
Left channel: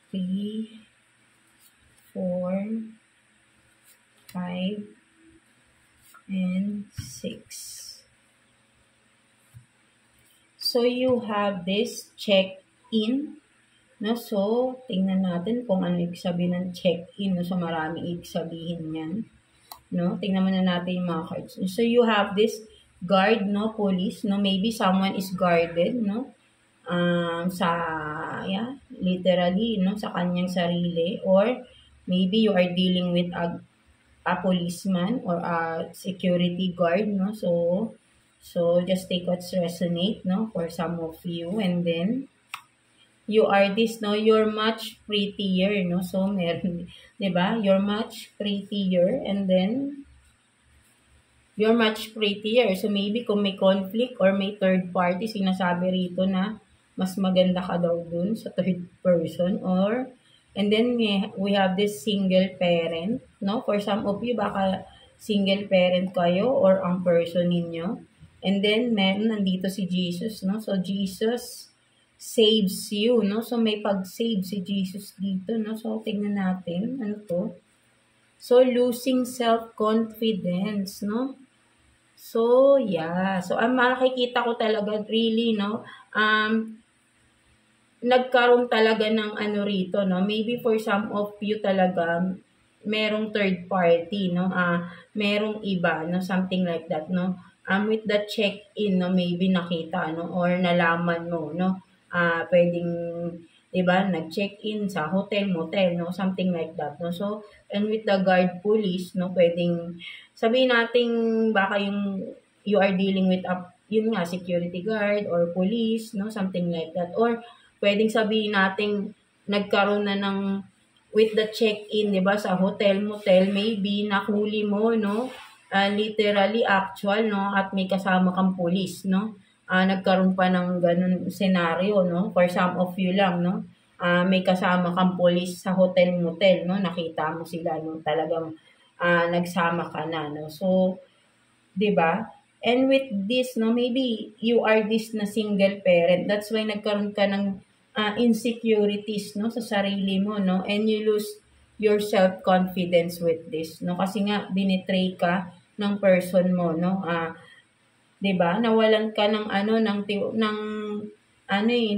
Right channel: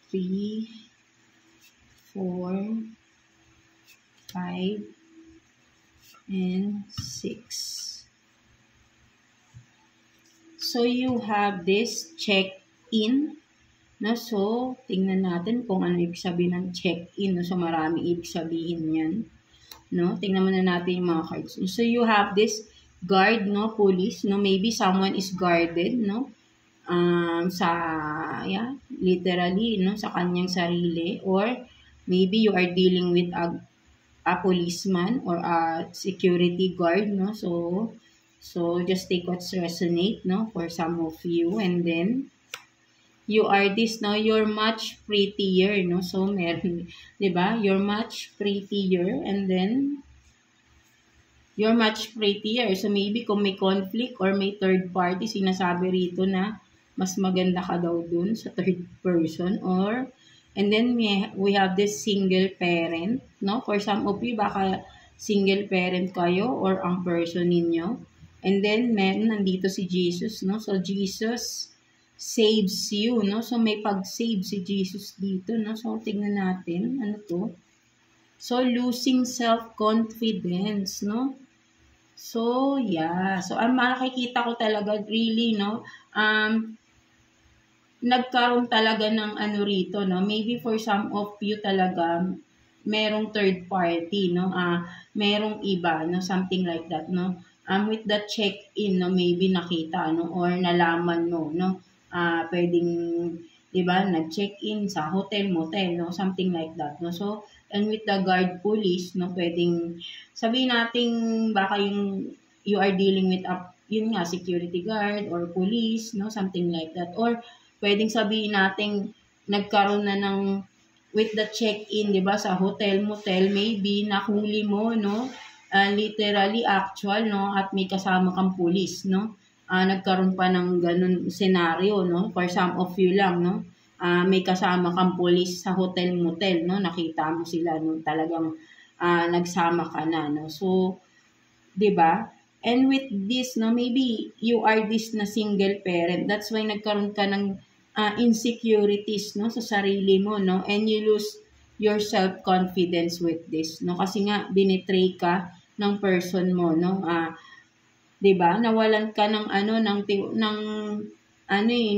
Three, 4, 5, and 6. So, you have this check-in. No? So, tingnan natin kung ano ibig sabihin ng check-in. No? So, maraming ibig sabihin yan. No, tingnan muna natin yung mga cards. So, you have this guard, no, police, no, maybe someone is guarded, no, literally, no, sa kanyang sarili, or maybe you are dealing with a policeman or a security guard, no, so just take what's resonate, no, for some of you, and then, you are this, no, you're much prettier, no, so meron, diba, you're much prettier, and then, you're much prettier, so maybe kung may conflict or may third party, sinasabi rito na, mas maganda ka daw dun sa third person, or, and then, we have this single parent, no, for some of you, baka single parent kayo, or ang person ninyo, and then, nandito si Jesus, no, so Jesus, saves you, no? So, may pag-save si Jesus dito, no? So, tignan natin. Ano to? So, losing self-confidence, no? So, yeah. So, ang makikita ko talaga, really, no? Nagkaroon talaga ng ano rito, no? Maybe for some of you talaga, merong third party, no? Merong iba, no? Something like that, no? With the check-in, no? Maybe nakita, no? Or nalaman mo, no? Pwedeng, diba, nag-check-in sa hotel, motel, no? Something like that, no? So, and with the guard police, no? Pwedeng, sabihin natin, baka you are dealing with yun nga, security guard or police, no? Something like that. Or, pwedeng sabihin natin, nagkaroon na ng, with the check-in, diba, sa hotel, motel, maybe, nahuli mo, no? Literally, actual, no? At may kasama kang police, no? Nagkaroon pa ng ganun scenario, no? For some of you lang, no? May kasama kang police sa hotel, motel, no? Nakita mo sila, no? Talagang nagsama ka na, no? So, di ba? And with this, no? Maybe you are this na single parent. That's why nagkaroon ka ng insecurities, no? Sa sarili mo, no? And you lose your self-confidence with this, no? Kasi nga, binetray ka ng person mo, no? 'Di ba? Nawalan ka ng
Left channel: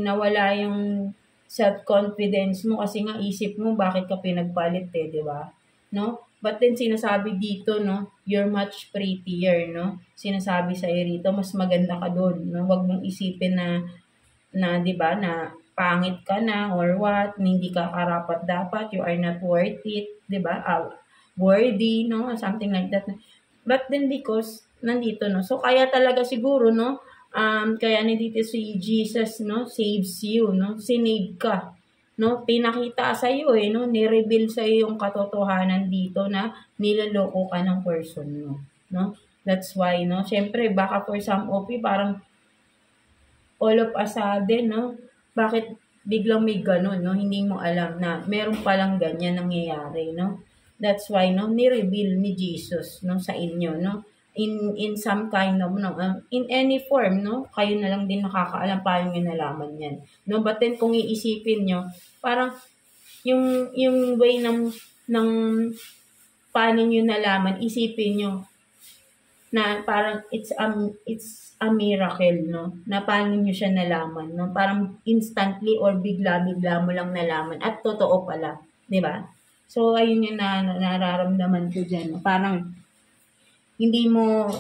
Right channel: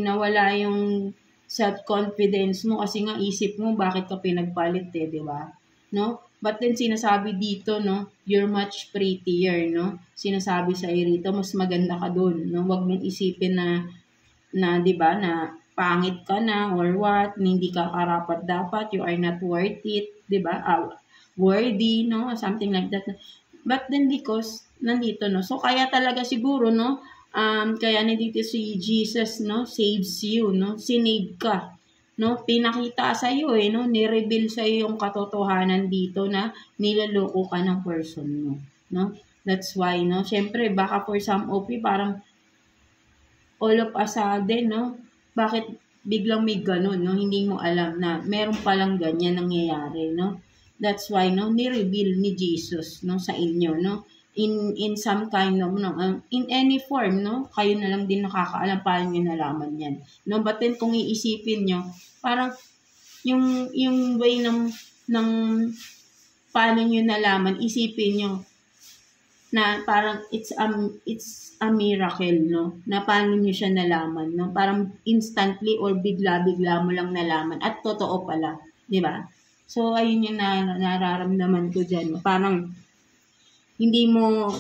nawala yung self-confidence mo kasi nga isip mo bakit ka pinagpalit 'di ba? No? But then sinasabi dito, no, you're much prettier, no? Sinasabi sa rito, mas maganda ka doon, no? Huwag mong isipin na 'di ba, na pangit ka na or what, hindi ka karapat dapat, you are not worth it, 'di ba? Worthy, no? Something like that. But then because nandito, no? So, kaya talaga siguro, no? Kaya nandito si Jesus, no? Saves you, no? Sinave ka. no? Pinakita sa iyo no? Ni-reveal sa iyo yung katotohanan dito na niloloko ka ng person mo, no? That's why, no? Syempre, baka for some of you, parang all of a sudden, no? Bakit biglang may ganun, no? Hindi mo alam na meron palang ganyan nangyayari, no? That's why, no? Ni-reveal ni Jesus, no? Sa inyo, no? In some kind of, no? In any form, no? Kayo na lang din nakakaalam paano nyo nalaman yan, no? But then, kung iisipin nyo, parang, yung way ng paano nyo nalaman, isipin nyo, na parang it's a miracle, no? Na paano nyo siya nalaman, no? Parang instantly or bigla-bigla mo lang nalaman at totoo pala, 'di ba? So ayun yung nararamdaman ko diyan, no? Parang hindi mo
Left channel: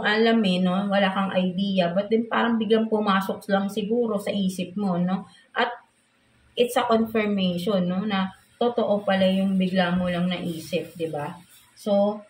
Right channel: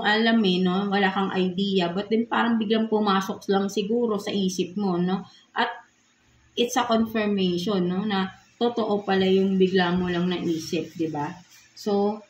alam no? Wala kang idea, but then parang biglang pumasok lang siguro sa isip mo, no? At it's a confirmation, no? Na totoo pala yung bigla mo lang naisip, 'di ba? So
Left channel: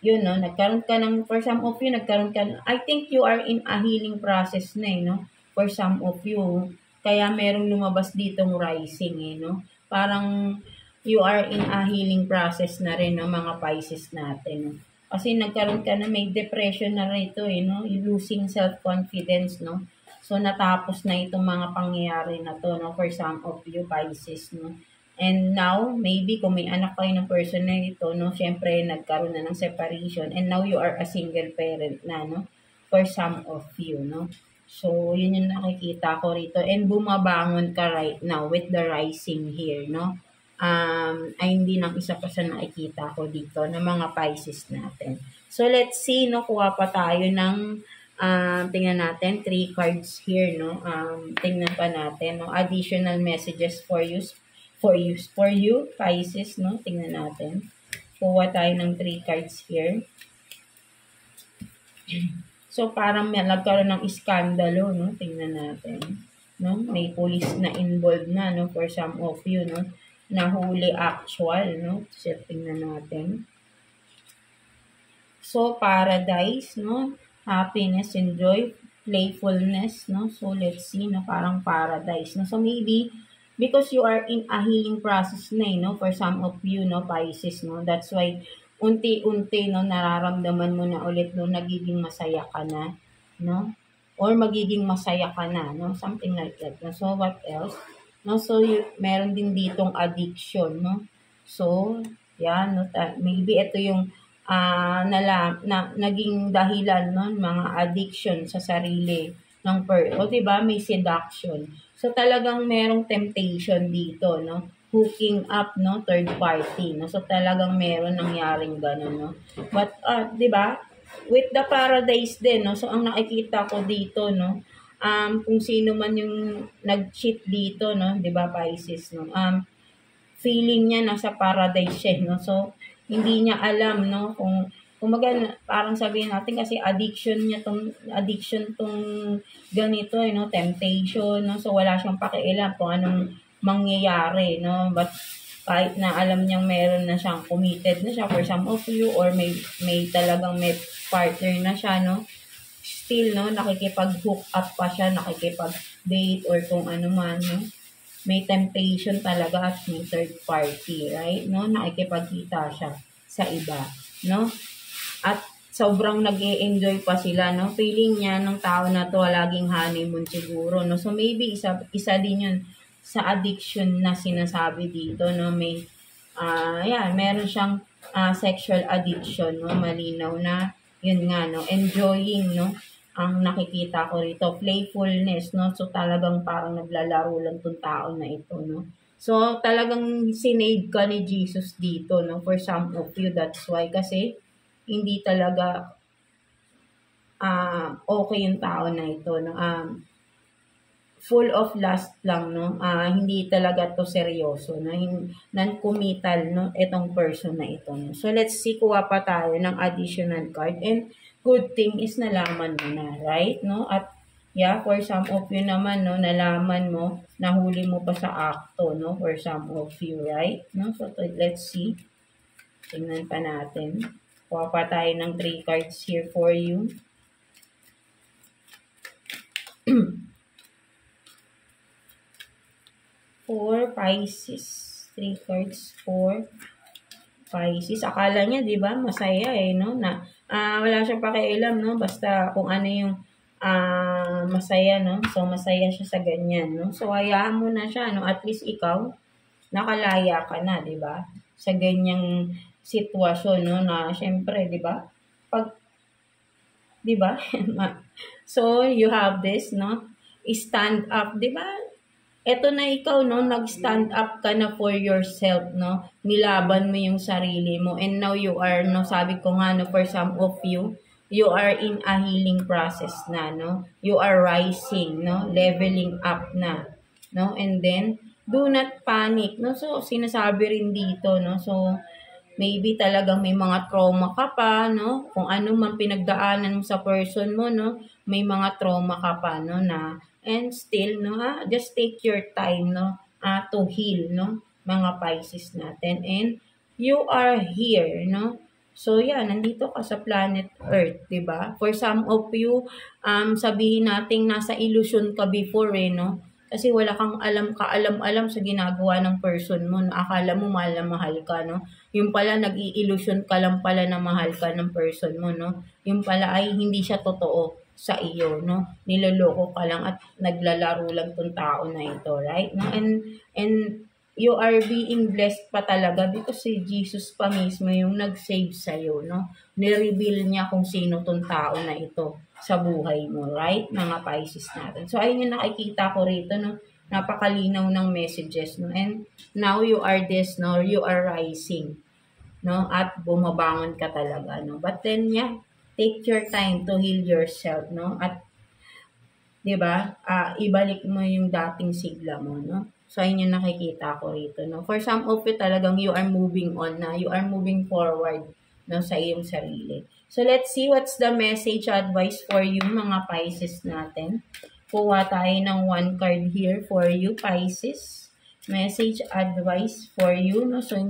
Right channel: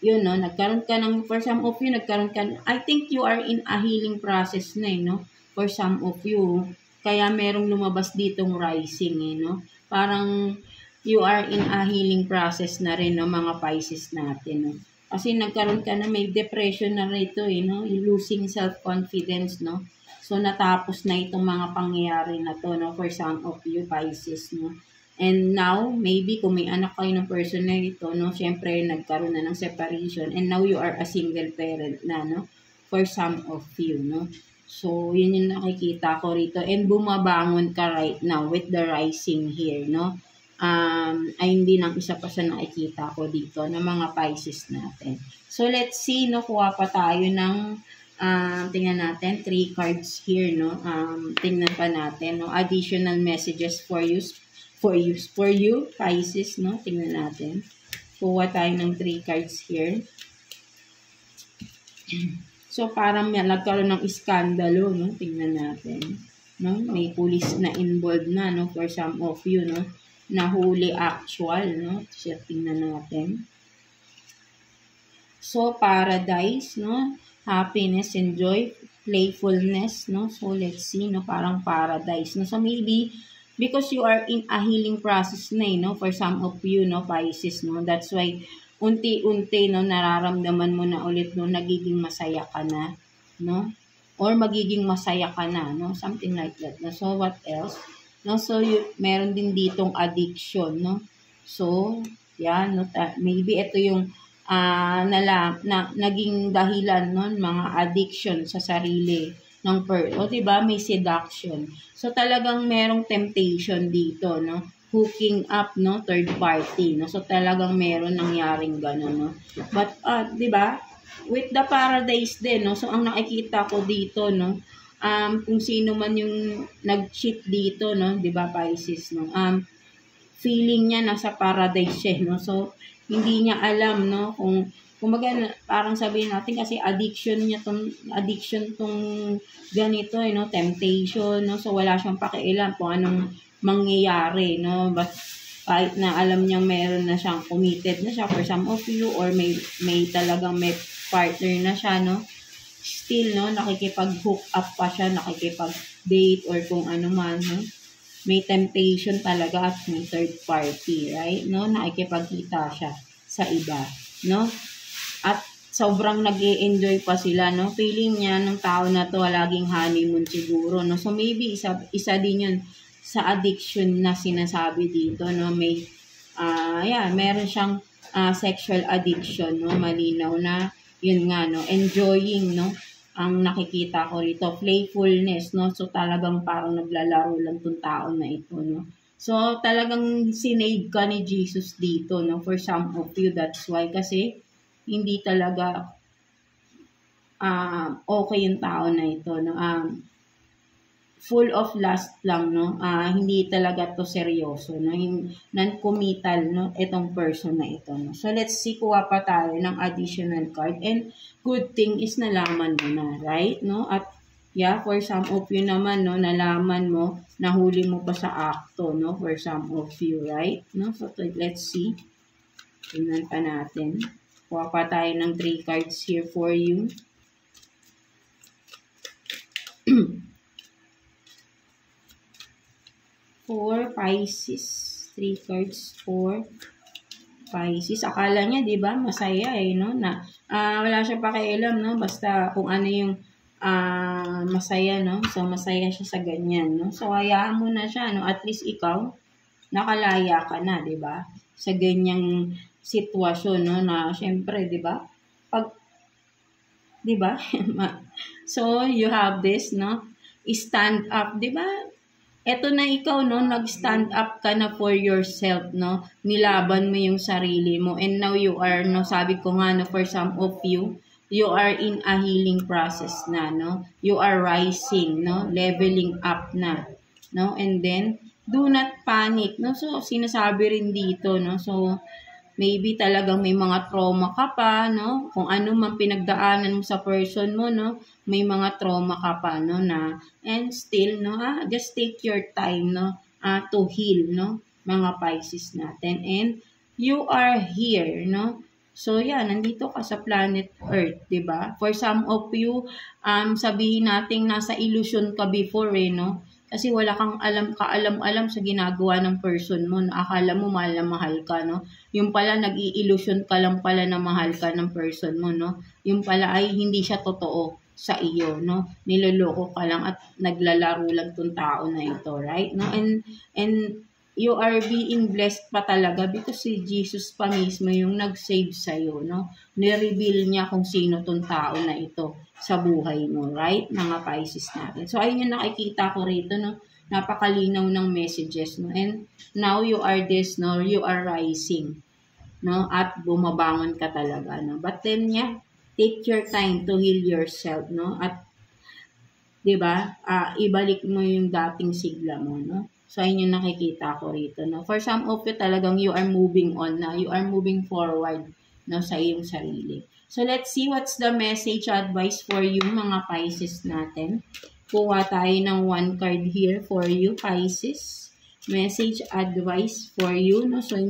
yun, no, nagkaroon ka ng, for some of you, I think you are in a healing process na, no, for some of you, kaya merong lumabas ditong rising, no, parang, you are in a healing process na rin, no, mga Pisces natin, no, kasi nagkaroon ka na, may depression na rito, no, losing self-confidence, no, so natapos na itong mga pangyayari na to, no, for some of you, Pisces, no. And now, maybe kung may anak kayo ng person na ito, no, syempre nagkaroon na ng separation and now you are a single parent na, no, for some of you, no. So, yun yung nakikita ko rito. And bumabangon ka right now with the rising here, no. Ay hindi lang isa pa sa nakikita ko dito ng mga Pisces natin. So, let's see, no, kuha pa tayo ng tingnan natin, 3 cards here, no. Tingnan pa natin, no, additional messages for you, Pisces, no? Tingnan natin. Kuha tayo ng 3 cards here. So, parang may nagkaroon ng iskandalo, no? Tingnan natin. No? May police na involved na, no? For some of you, no? Nahuli actual, no? So, tingnan natin. So, paradise, no? Happiness and joy, playfulness, no? So, let's see, no? Parang paradise, no? So, maybe because you are in a healing process na, no, for some of you, no, Pisces, no, that's why, unti-unti, no, nararamdaman mo na ulit, no, nagiging masaya ka na, no, or magiging masaya ka na, no, something like that, no, so what else, no, so, meron din ditong addiction, no, so, yeah, no, maybe ito yung, naging dahilan, no, mga addiction sa sarili, ng o diba, may seduction. So talagang merong temptation dito, no? Hooking up, no, third party, no? So talagang meron nangyaring gano'n, no? But 'di ba? With the paradise din, no? So ang nakikita ko dito, no, kung sino man yung nag-cheat dito, no, 'di ba, Pisces, no? Feeling niya nasa paradise siya, no? So hindi niya alam, no, kung kumbaga, parang sabihin natin kasi addiction tong ganito, no, temptation, no, so wala siyang pakialam kung anong mangyayari, no, but kahit na alam niyang meron na siyang committed na siya for some of you or may talagang may partner na siya, no, still, no, nakikipag-hook up pa siya, nakikipag-date or kung ano man, no, may temptation talaga at may third party, right, no, nakikipagkita siya sa iba, no. At sobrang nag-e-enjoy pa sila, no? Feeling niya ng tao na to, laging honeymoon siguro, no? So, maybe isa din yun sa addiction na sinasabi dito, no? May, meron siyang sexual addiction, no? Malinaw na, yun nga, no? Enjoying, no? Ang nakikita ko rito, playfulness, no? So, talagang parang naglalaro lang tong tao na ito, no? So, talagang sinave ka ni Jesus dito, no? For some of you, that's why. Kasi, hindi talaga okay yung tao na ito, no, full of lust lang, no, hindi talaga to seryoso, no, non-committal, no, itong person na ito, no. So let's see, kuha pa tayo ng additional card, and good thing is nalaman mo na, right, no, at yeah, for some of you naman, no, nalaman mo, nahuli mo pa sa akto, no, for some of you, right, no, so let's see, tingnan pa natin. Kuha pa tayo ng 3 cards here for you. for Pisces. 3 cards for Pisces. Akala niya, di ba, masaya eh, no? Na, wala siyang pakialam, no? Basta kung ano yung masaya, no? So, masaya siya sa ganyan, no? So, hayaan mo na siya, no? At least ikaw, nakalaya ka na, di ba? Sa ganyang sitwasyon, no? Na, syempre, di ba? Pag, di ba? So, you have this, no? Stand up, di ba? Eto na ikaw, no, nag-stand up ka na for yourself, no, nilaban mo yung sarili mo, and now you are, no, sabi ko nga, no, for some of you, you are in a healing process na, no, you are rising, no, leveling up na, no, and then, do not panic, no, so, sinasabi rin dito, no, so, maybe talagang may mga trauma ka pa, no? Kung ano man pinagdaanan mo sa person mo, no? May mga trauma ka pa, no? Na, and still, no? Just take your time, no? To heal, no? Mga Pisces natin. And you are here, no? So, yeah, nandito ka sa planet Earth, di ba? For some of you, sabihin natin nasa illusion ka before, eh, no? Kasi wala kang kaalam-alam sa ginagawa ng person mo. No? Akala mo mahal na mahal ka, no? Yung pala, nag-i-illusion ka lang pala na mahal ka ng person mo, no? Yung pala ay hindi siya totoo sa iyo, no? Niloloko ka lang at naglalaro lang tong tao na ito, right? No? And you are being blessed pa talaga because si Jesus pa mismo yung nag-save sa'yo, no? Nireveal niya kung sino tong tao na ito sa buhay mo, right? Mga Pisces natin. So, ayun yung nakikita ko rito, no? Napakalinaw ng messages, no? And now you are this, no? You are rising, no? At bumabangon ka talaga, no? But then, yeah, take your time to heal yourself, no? At, di ba, ibalik mo yung dating sigla mo, no? So, ayun yung nakikita ko rito, no? For some of you talagang you are moving on na, you are moving forward, no? Sa iyong sarili. So, let's see what's the message advice for you, mga Pisces natin. Kuha tayo ng 1 card here for you, Pisces. Message advice for you, no? So,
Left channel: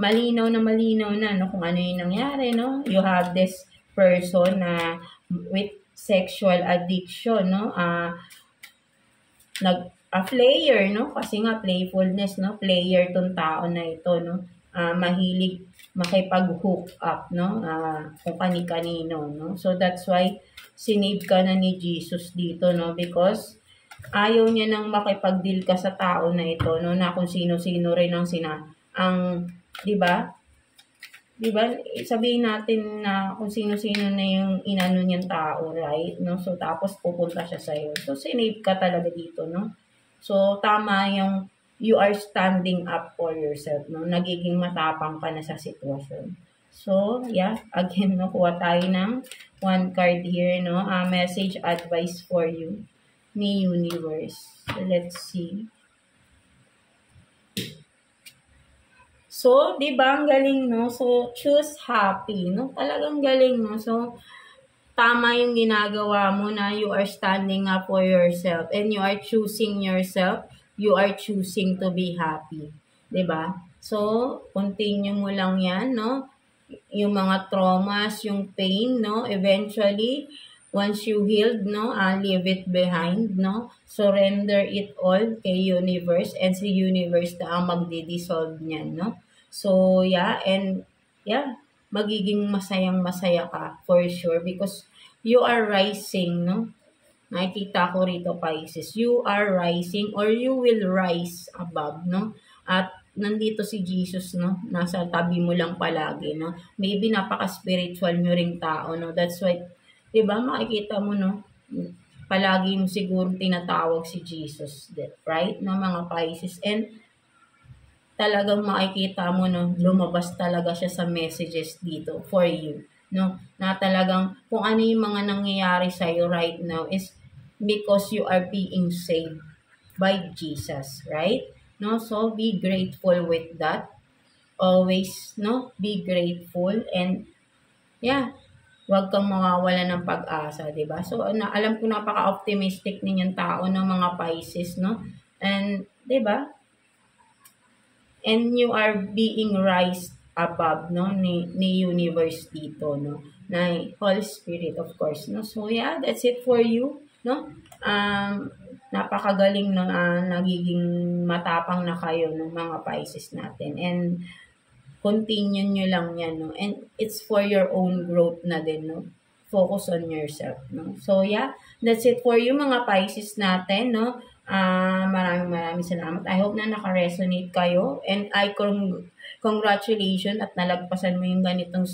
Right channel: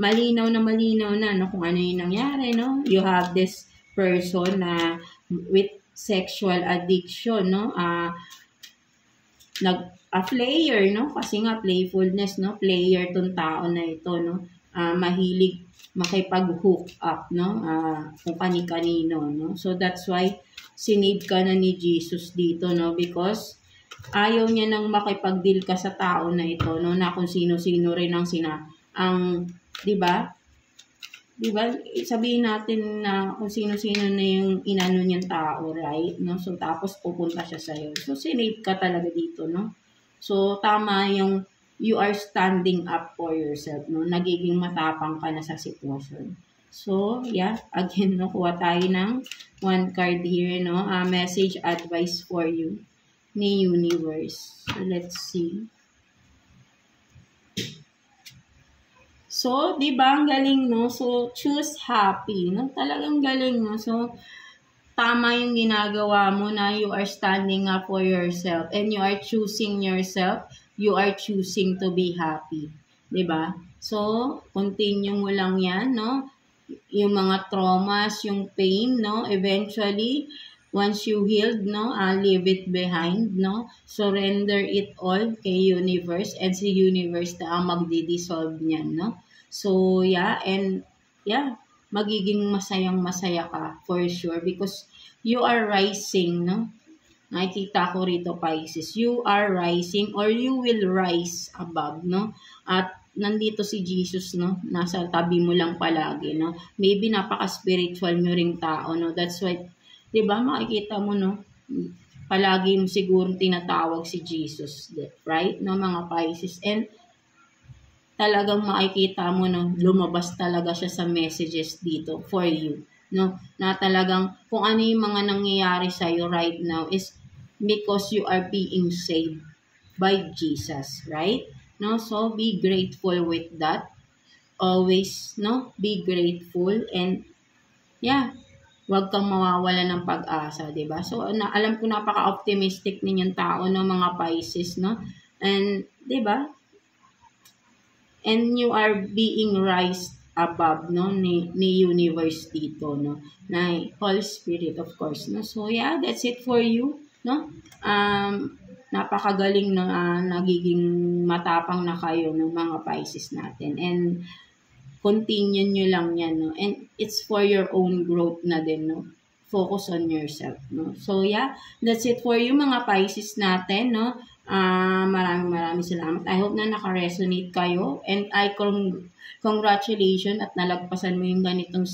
malinaw na, no? Kung ano yung nangyari, no? You have this person na with sexual addiction, no? Player, no? Kasi nga, playfulness, no? Player tong tao na ito, no? Mahilig makipag-hook up, no? Kung kani-kanino, no? So, that's why sinave ka na ni Jesus dito, no? Because ayaw niya nang makipag-deal ka sa tao na ito, no? Na kung sino-sino rin di ba? Di ba? Sabihin natin na kung sino-sino na yung inano niyang tao, right? No? So, tapos pupunta siya sa'yo. So, sinave ka talaga dito, no? So, tama yung you are standing up for yourself, no? Nagiging matapang ka na sa sitwasyon. So, yeah, again, no, kuha tayo ng 1 card here, no? Message advice for you ni Universe. So, let's see. So, di ba, ang galing, no? So, choose happy, no? Talagang galing, no? So, tama yung ginagawa mo na you are standing up for yourself and you are choosing yourself. You are choosing to be happy. Diba? So, continue mo lang yan, no? Yung mga traumas, yung pain, no? Eventually, once you healed, no? Leave it behind, no? Surrender it all kay Universe and si Universe na ang magdi-dissolve niyan, no? So, yeah, and yeah, magiging masayang-masaya ka for sure because you are rising, no? Nakikita ko rito, Pisces. You are rising or you will rise above, no? At nandito si Jesus, no? Nasa tabi mo lang palagi, no? Maybe napaka-spiritual mo ring tao, no? That's why, di ba, makikita mo, no? Palagi mo siguro tinatawag si Jesus, right? No, mga Pisces. And talagang makikita mo, no? Lumabas talaga siya sa messages dito for you, no? Na talagang kung ano yung mga nangyayari sa'yo right now is because you are being saved by Jesus, right? No, so be grateful with that. Always, no, be grateful and yeah, huwag kang mawawala ng pag-asa, 'di ba? So alam ko napaka-optimistic ninyong tao ng mga Pisces, no? And 'di ba? And you are being raised above, no, ni Universe dito, no? Na Holy Spirit, of course, no? So yeah, that's it for you, no? napakagaling no, nagiging matapang na kayo ng mga Pisces natin. And continue nyo lang yan, no? And it's for your own growth na din, no? Focus on yourself, no? So, yeah, that's it for you mga Pisces natin, no? Maraming salamat. I hope na naka-resonate kayo. And congratulations at nalagpasan mo yung ganitong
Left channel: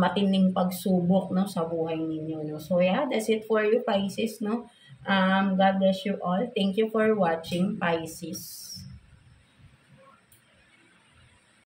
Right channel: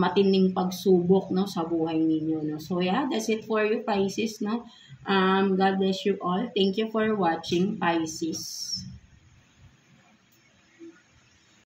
matinding pagsubok, no, sa buhay ninyo, no? So, yeah, that's it for you, Pisces, no? God bless you all. Thank you for watching, Pisces.